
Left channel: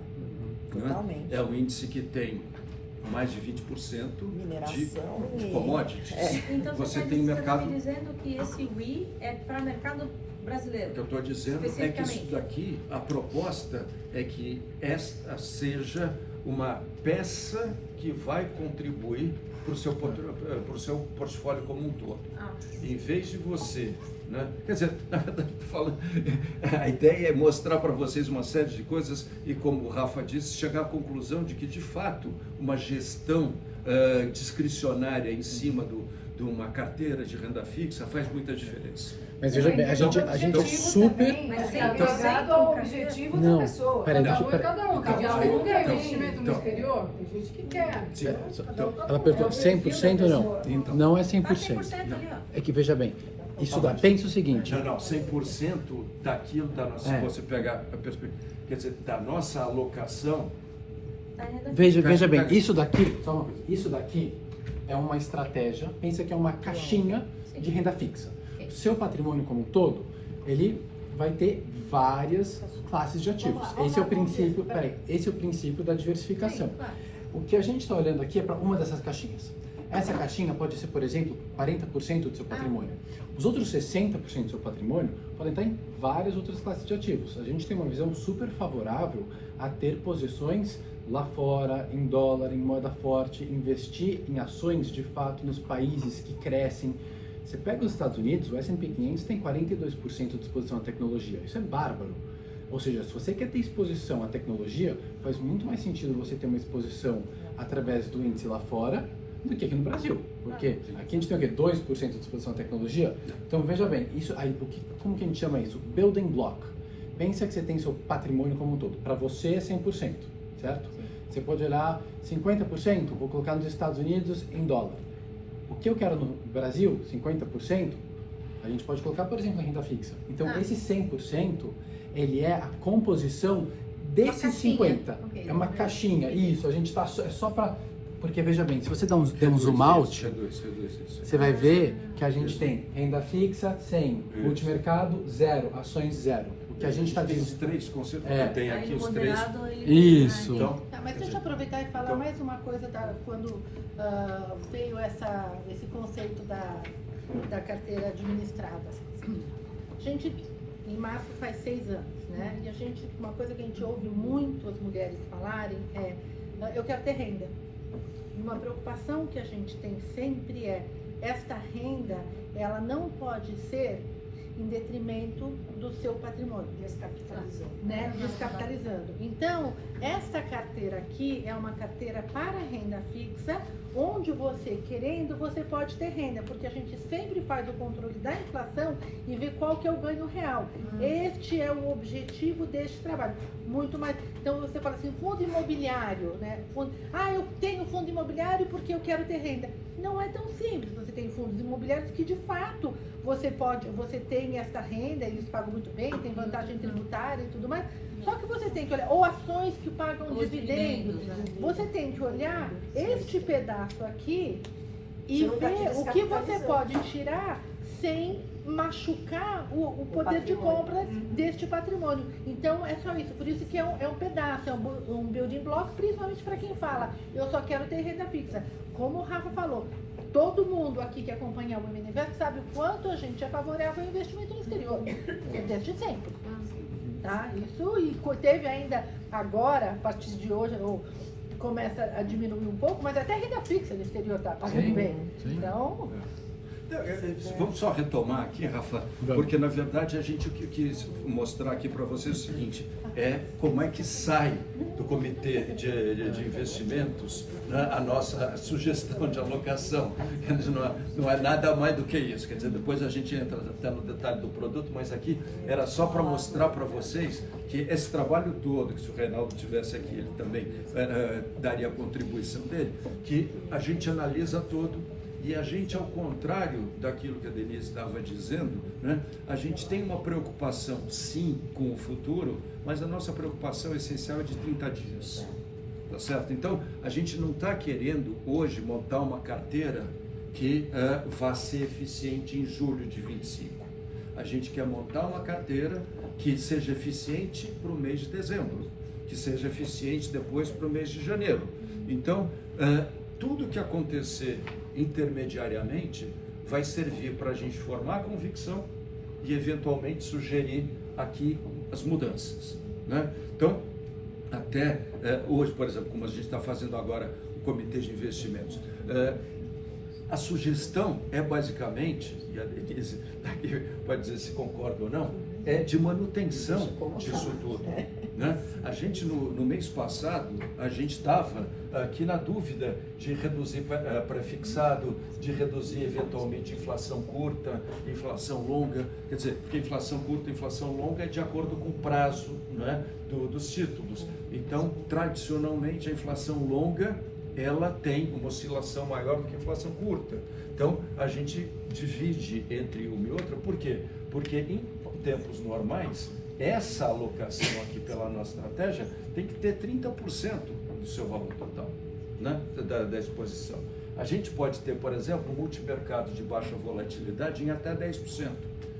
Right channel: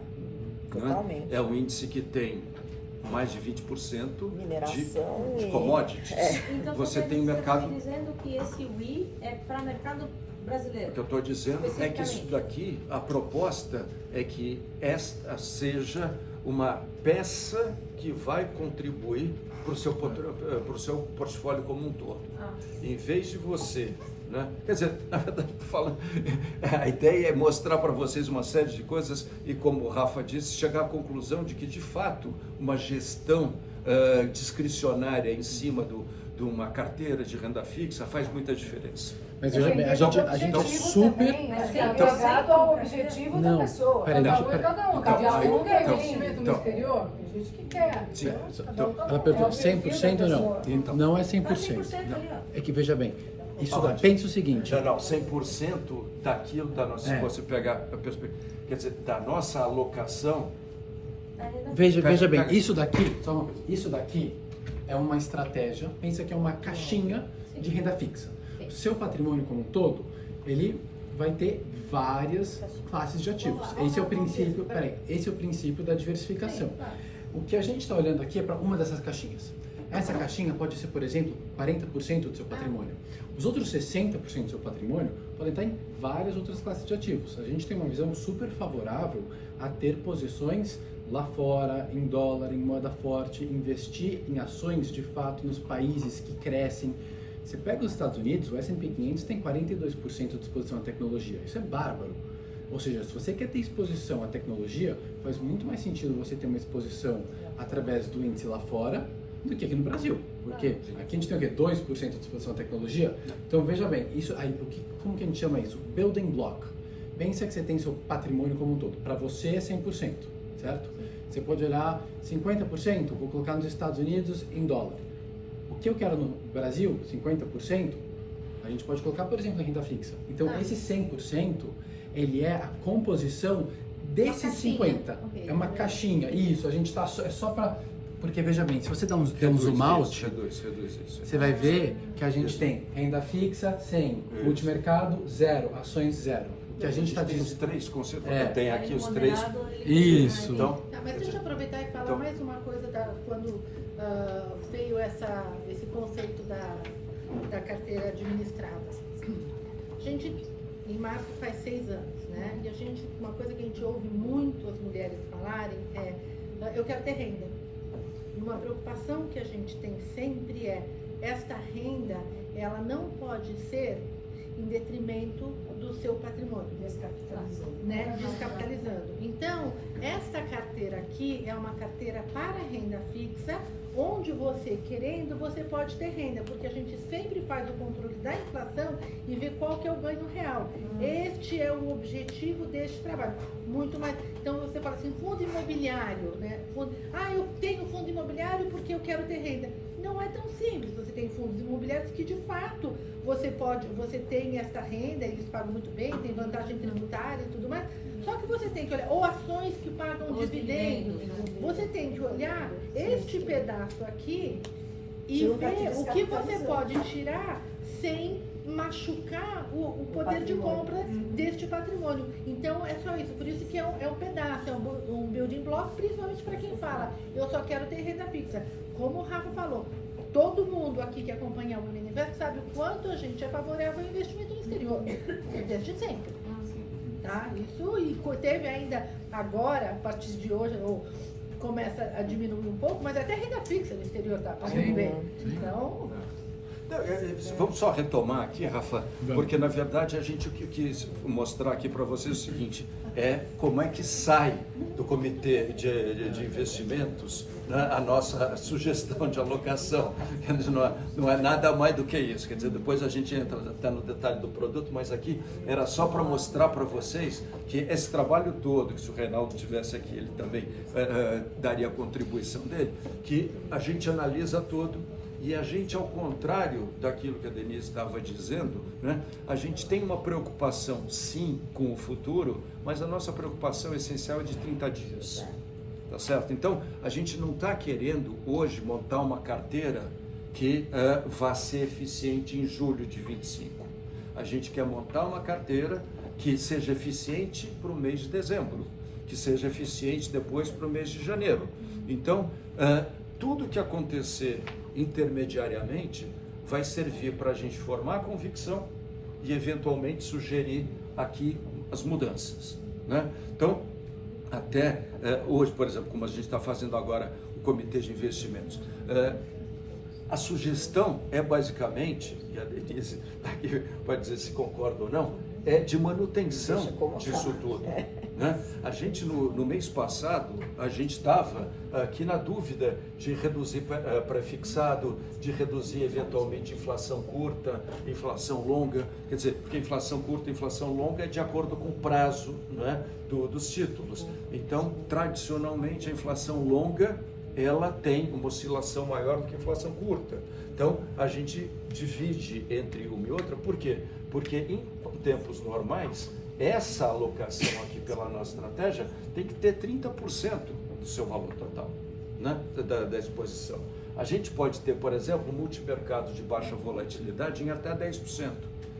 Totalmente. É um índice que tem mais de 20% Mineração de commodities. Então Você quer tem dizer, mercado. Você está me dizendo que esse WI é para o mercado brasileiro? O que eu estou dizendo é que isso daqui, a proposta é que esta seja uma peça que vai contribuir para o seu portfólio como um todo. Em vez de você, né? Quer dizer, na verdade, a ideia é mostrar para vocês uma série de coisas e, como o Rafa disse, chegar à conclusão de que, de fato, uma gestão discricionária em cima de uma carteira de renda fixa faz muita diferença. Mas veja bem, a gente super... Ligado ao objetivo da pessoa. Cada um quer investimento no exterior, tem gente que quer. Ela perguntou 100% ou não? Então. Não é 100%. É que, veja bem, isso dá, pensa o seguinte... Não, 100% daquilo da nossa... Se você pegar a perspectiva, quer dizer, da nossa alocação... Veja bem, isso daqui é uma estratégia, pensa que é uma caixinha de renda fixa. O seu patrimônio como um todo, ele vai ter várias classes de ativos. Esse é o princípio da diversificação. O que a gente está olhando aqui é para uma dessas caixinhas. Essa caixinha pode ser, por exemplo, 40% do seu patrimônio. Os outros 60% do seu patrimônio podem estar em várias outras classes de ativos. A gente tem uma visão super favorável a ter posições lá fora, em dólar, em moeda forte, investir em ações de fato nos países que crescem. Você pega os Estados Unidos, o S&P 500 tem 42% de exposição à tecnologia. Isso é bárbaro. Ou seja, se você quer ter exposição à tecnologia, faz muito mais sentido você ter uma exposição através do índice lá fora do que aqui no Brasil. Porque aqui a gente tem o quê? 2% de exposição à tecnologia? Então veja bem, isso aí, como que a gente chama isso? Building block. Pensa que você tem seu patrimônio como um todo. Para você é 100%, certo? Você pode olhar 50%, vou colocar nos Estados Unidos em dólar. O que eu quero no Brasil, 50%, a gente pode colocar, por exemplo, em renda fixa. Então, esse 100%, ele é a composição desses 50%. É uma caixinha. Isso, a gente está é só para... Porque, veja bem, se você der um zoom out, Reduz isso. você vai ver que a gente tem renda fixa, 100, multimercado, 0, ações, 0. O que a gente está dizendo... dizendo... Os três conceitos, tem aqui os três... Isso. Então, mas deixa eu aproveitar e falar mais uma coisa quando veio esse conceito da carteira administrada. A gente, em março, faz 6 anos, né? E uma coisa que a gente ouve muito as mulheres falarem é: eu quero ter renda. Uma preocupação que a gente tem sempre é: esta renda, ela não pode ser em detrimento do seu patrimônio. Descapitalizando. Né? Descapitalizando. Então, esta carteira aqui é uma carteira para renda fixa, onde você querendo, você pode ter renda, porque a gente sempre faz o controle da inflação e vê qual que é o ganho real. Este é o objetivo deste trabalho. Muito mais. Então você fala assim, fundo imobiliário, né? Eu tenho fundo imobiliário porque eu quero ter renda. Não é tão simples. Você tem fundos imobiliários que de fato você tem essa renda, eles pagam muito bem, tem vantagem tributária e tudo mais. Só que você tem que olhar, ou ações que pagam dividendos. Você tem que olhar este pedaço aqui e ver o que você pode tirar sem machucar o poder de compra deste patrimônio. Então é só isso, por isso que é um pedaço, é um building block, principalmente para quem fala, eu só quero ter renda fixa. Como o Rafa falou, todo mundo aqui que acompanha o Universo sabe o quanto a gente é favorável ao investimento no exterior, desde sempre. Tá? Isso, e teve ainda agora, a partir de hoje, começa a diminuir um pouco, mas até renda fixa no exterior está pagando bem. Então... Vamos só retomar aqui, Rafa, porque na verdade a gente quis mostrar aqui para vocês o seguinte, como é que sai do comitê de investimentos, né, a nossa sugestão de alocação. Não é nada mais do que isso, quer dizer, depois a gente entra até no detalhe do produto, mas aqui era só para mostrar para vocês que esse trabalho todo, que se o Reinaldo tivesse aqui, ele também daria a contribuição dele, que a gente analisa todo. E a gente, ao contrário daquilo que a Denise estava dizendo, né, a gente tem uma preocupação, sim, com o futuro, mas a nossa preocupação essencial é de 30 dias, tá certo? Então, a gente não está querendo hoje montar uma carteira que vá ser eficiente em julho de 25. A gente quer montar uma carteira que seja eficiente para o mês de dezembro, que seja eficiente depois para o mês de janeiro. Então, tudo que acontecer intermediariamente vai servir para a gente formar a convicção e eventualmente sugerir aqui as mudanças, né? Então, até hoje, por exemplo, como a gente está fazendo agora o comitê de investimentos, a sugestão é basicamente, e a Denise aqui pode dizer se concorda ou não, é de manutenção disso tudo, né? A gente no mês passado, a gente estava aqui na dúvida de reduzir pré-fixado, de reduzir eventualmente inflação curta, inflação longa, quer dizer, porque inflação curta e inflação longa é de acordo com o prazo, né, dos títulos. Então, tradicionalmente, a inflação longa, ela tem uma oscilação maior do que a inflação curta. Então, a gente divide entre uma e outra, por quê? Porque em tempos normais, essa alocação aqui pela nossa estratégia tem que ter 30% do seu valor total, né, da exposição. A gente pode ter, por exemplo, um multimercado de baixa volatilidade em até 10%.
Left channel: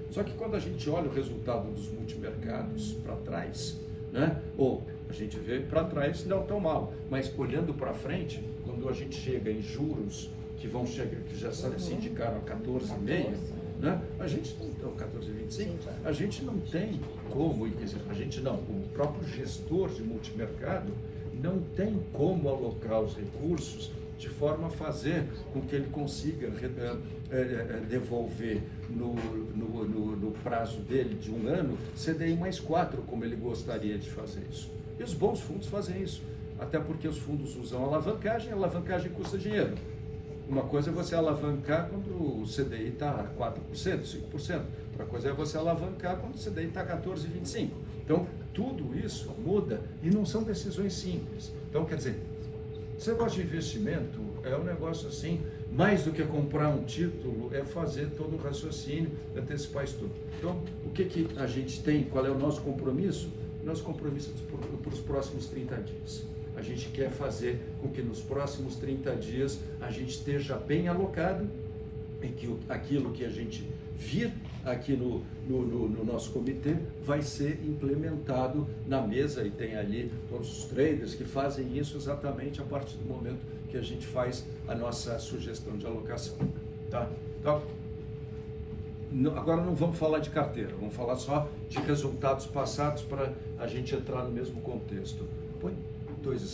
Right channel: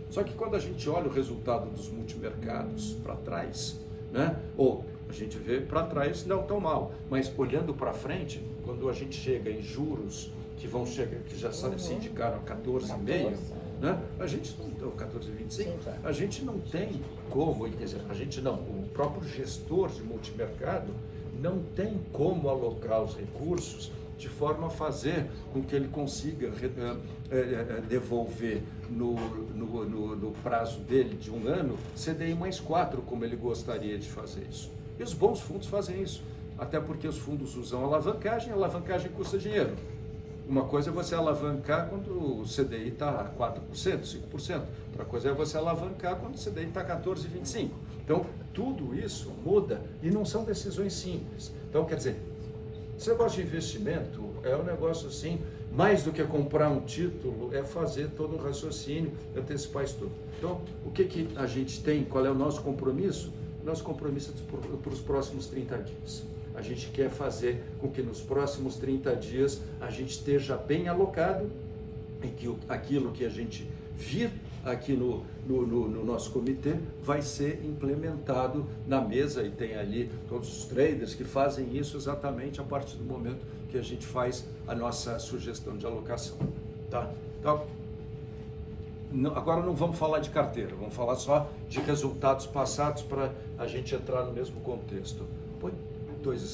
Só que quando a gente olha o resultado dos multimercados para trás, né, ou a gente vê para trás não tão mal, mas olhando para frente, quando a gente chega em juros que vão chegar, que já se indicaram a 14,5%, né, a gente não, 14,25%, a gente não tem como, quer dizer, a gente não, o próprio gestor de multimercado não tem como alocar os recursos de forma a fazer com que ele consiga devolver no prazo dele de um ano CDI mais 4, como ele gostaria de fazer isso. E os bons fundos fazem isso, até porque os fundos usam alavancagem, a alavancagem custa dinheiro. Uma coisa é você alavancar quando o CDI está a 4%, 5%. Outra coisa é você alavancar quando o CDI está a 14,25%. Então, tudo isso muda e não são decisões simples. Então, quer dizer, esse negócio de investimento é um negócio assim, mais do que comprar um título, é fazer todo um raciocínio, antecipar isso tudo. Então, o que a gente tem, qual é o nosso compromisso? Nosso compromisso é para os próximos 30 dias. A gente quer fazer com que nos próximos 30 dias a gente esteja bem alocado e que aquilo que a gente vir aqui no nosso comitê vai ser implementado na mesa, e tem ali todos os traders que fazem isso exatamente a partir do momento que a gente faz a nossa sugestão de alocação. Tá? Então, agora não vamos falar de carteira, vamos falar só de resultados passados para a gente entrar no mesmo contexto. Põe 2 slides.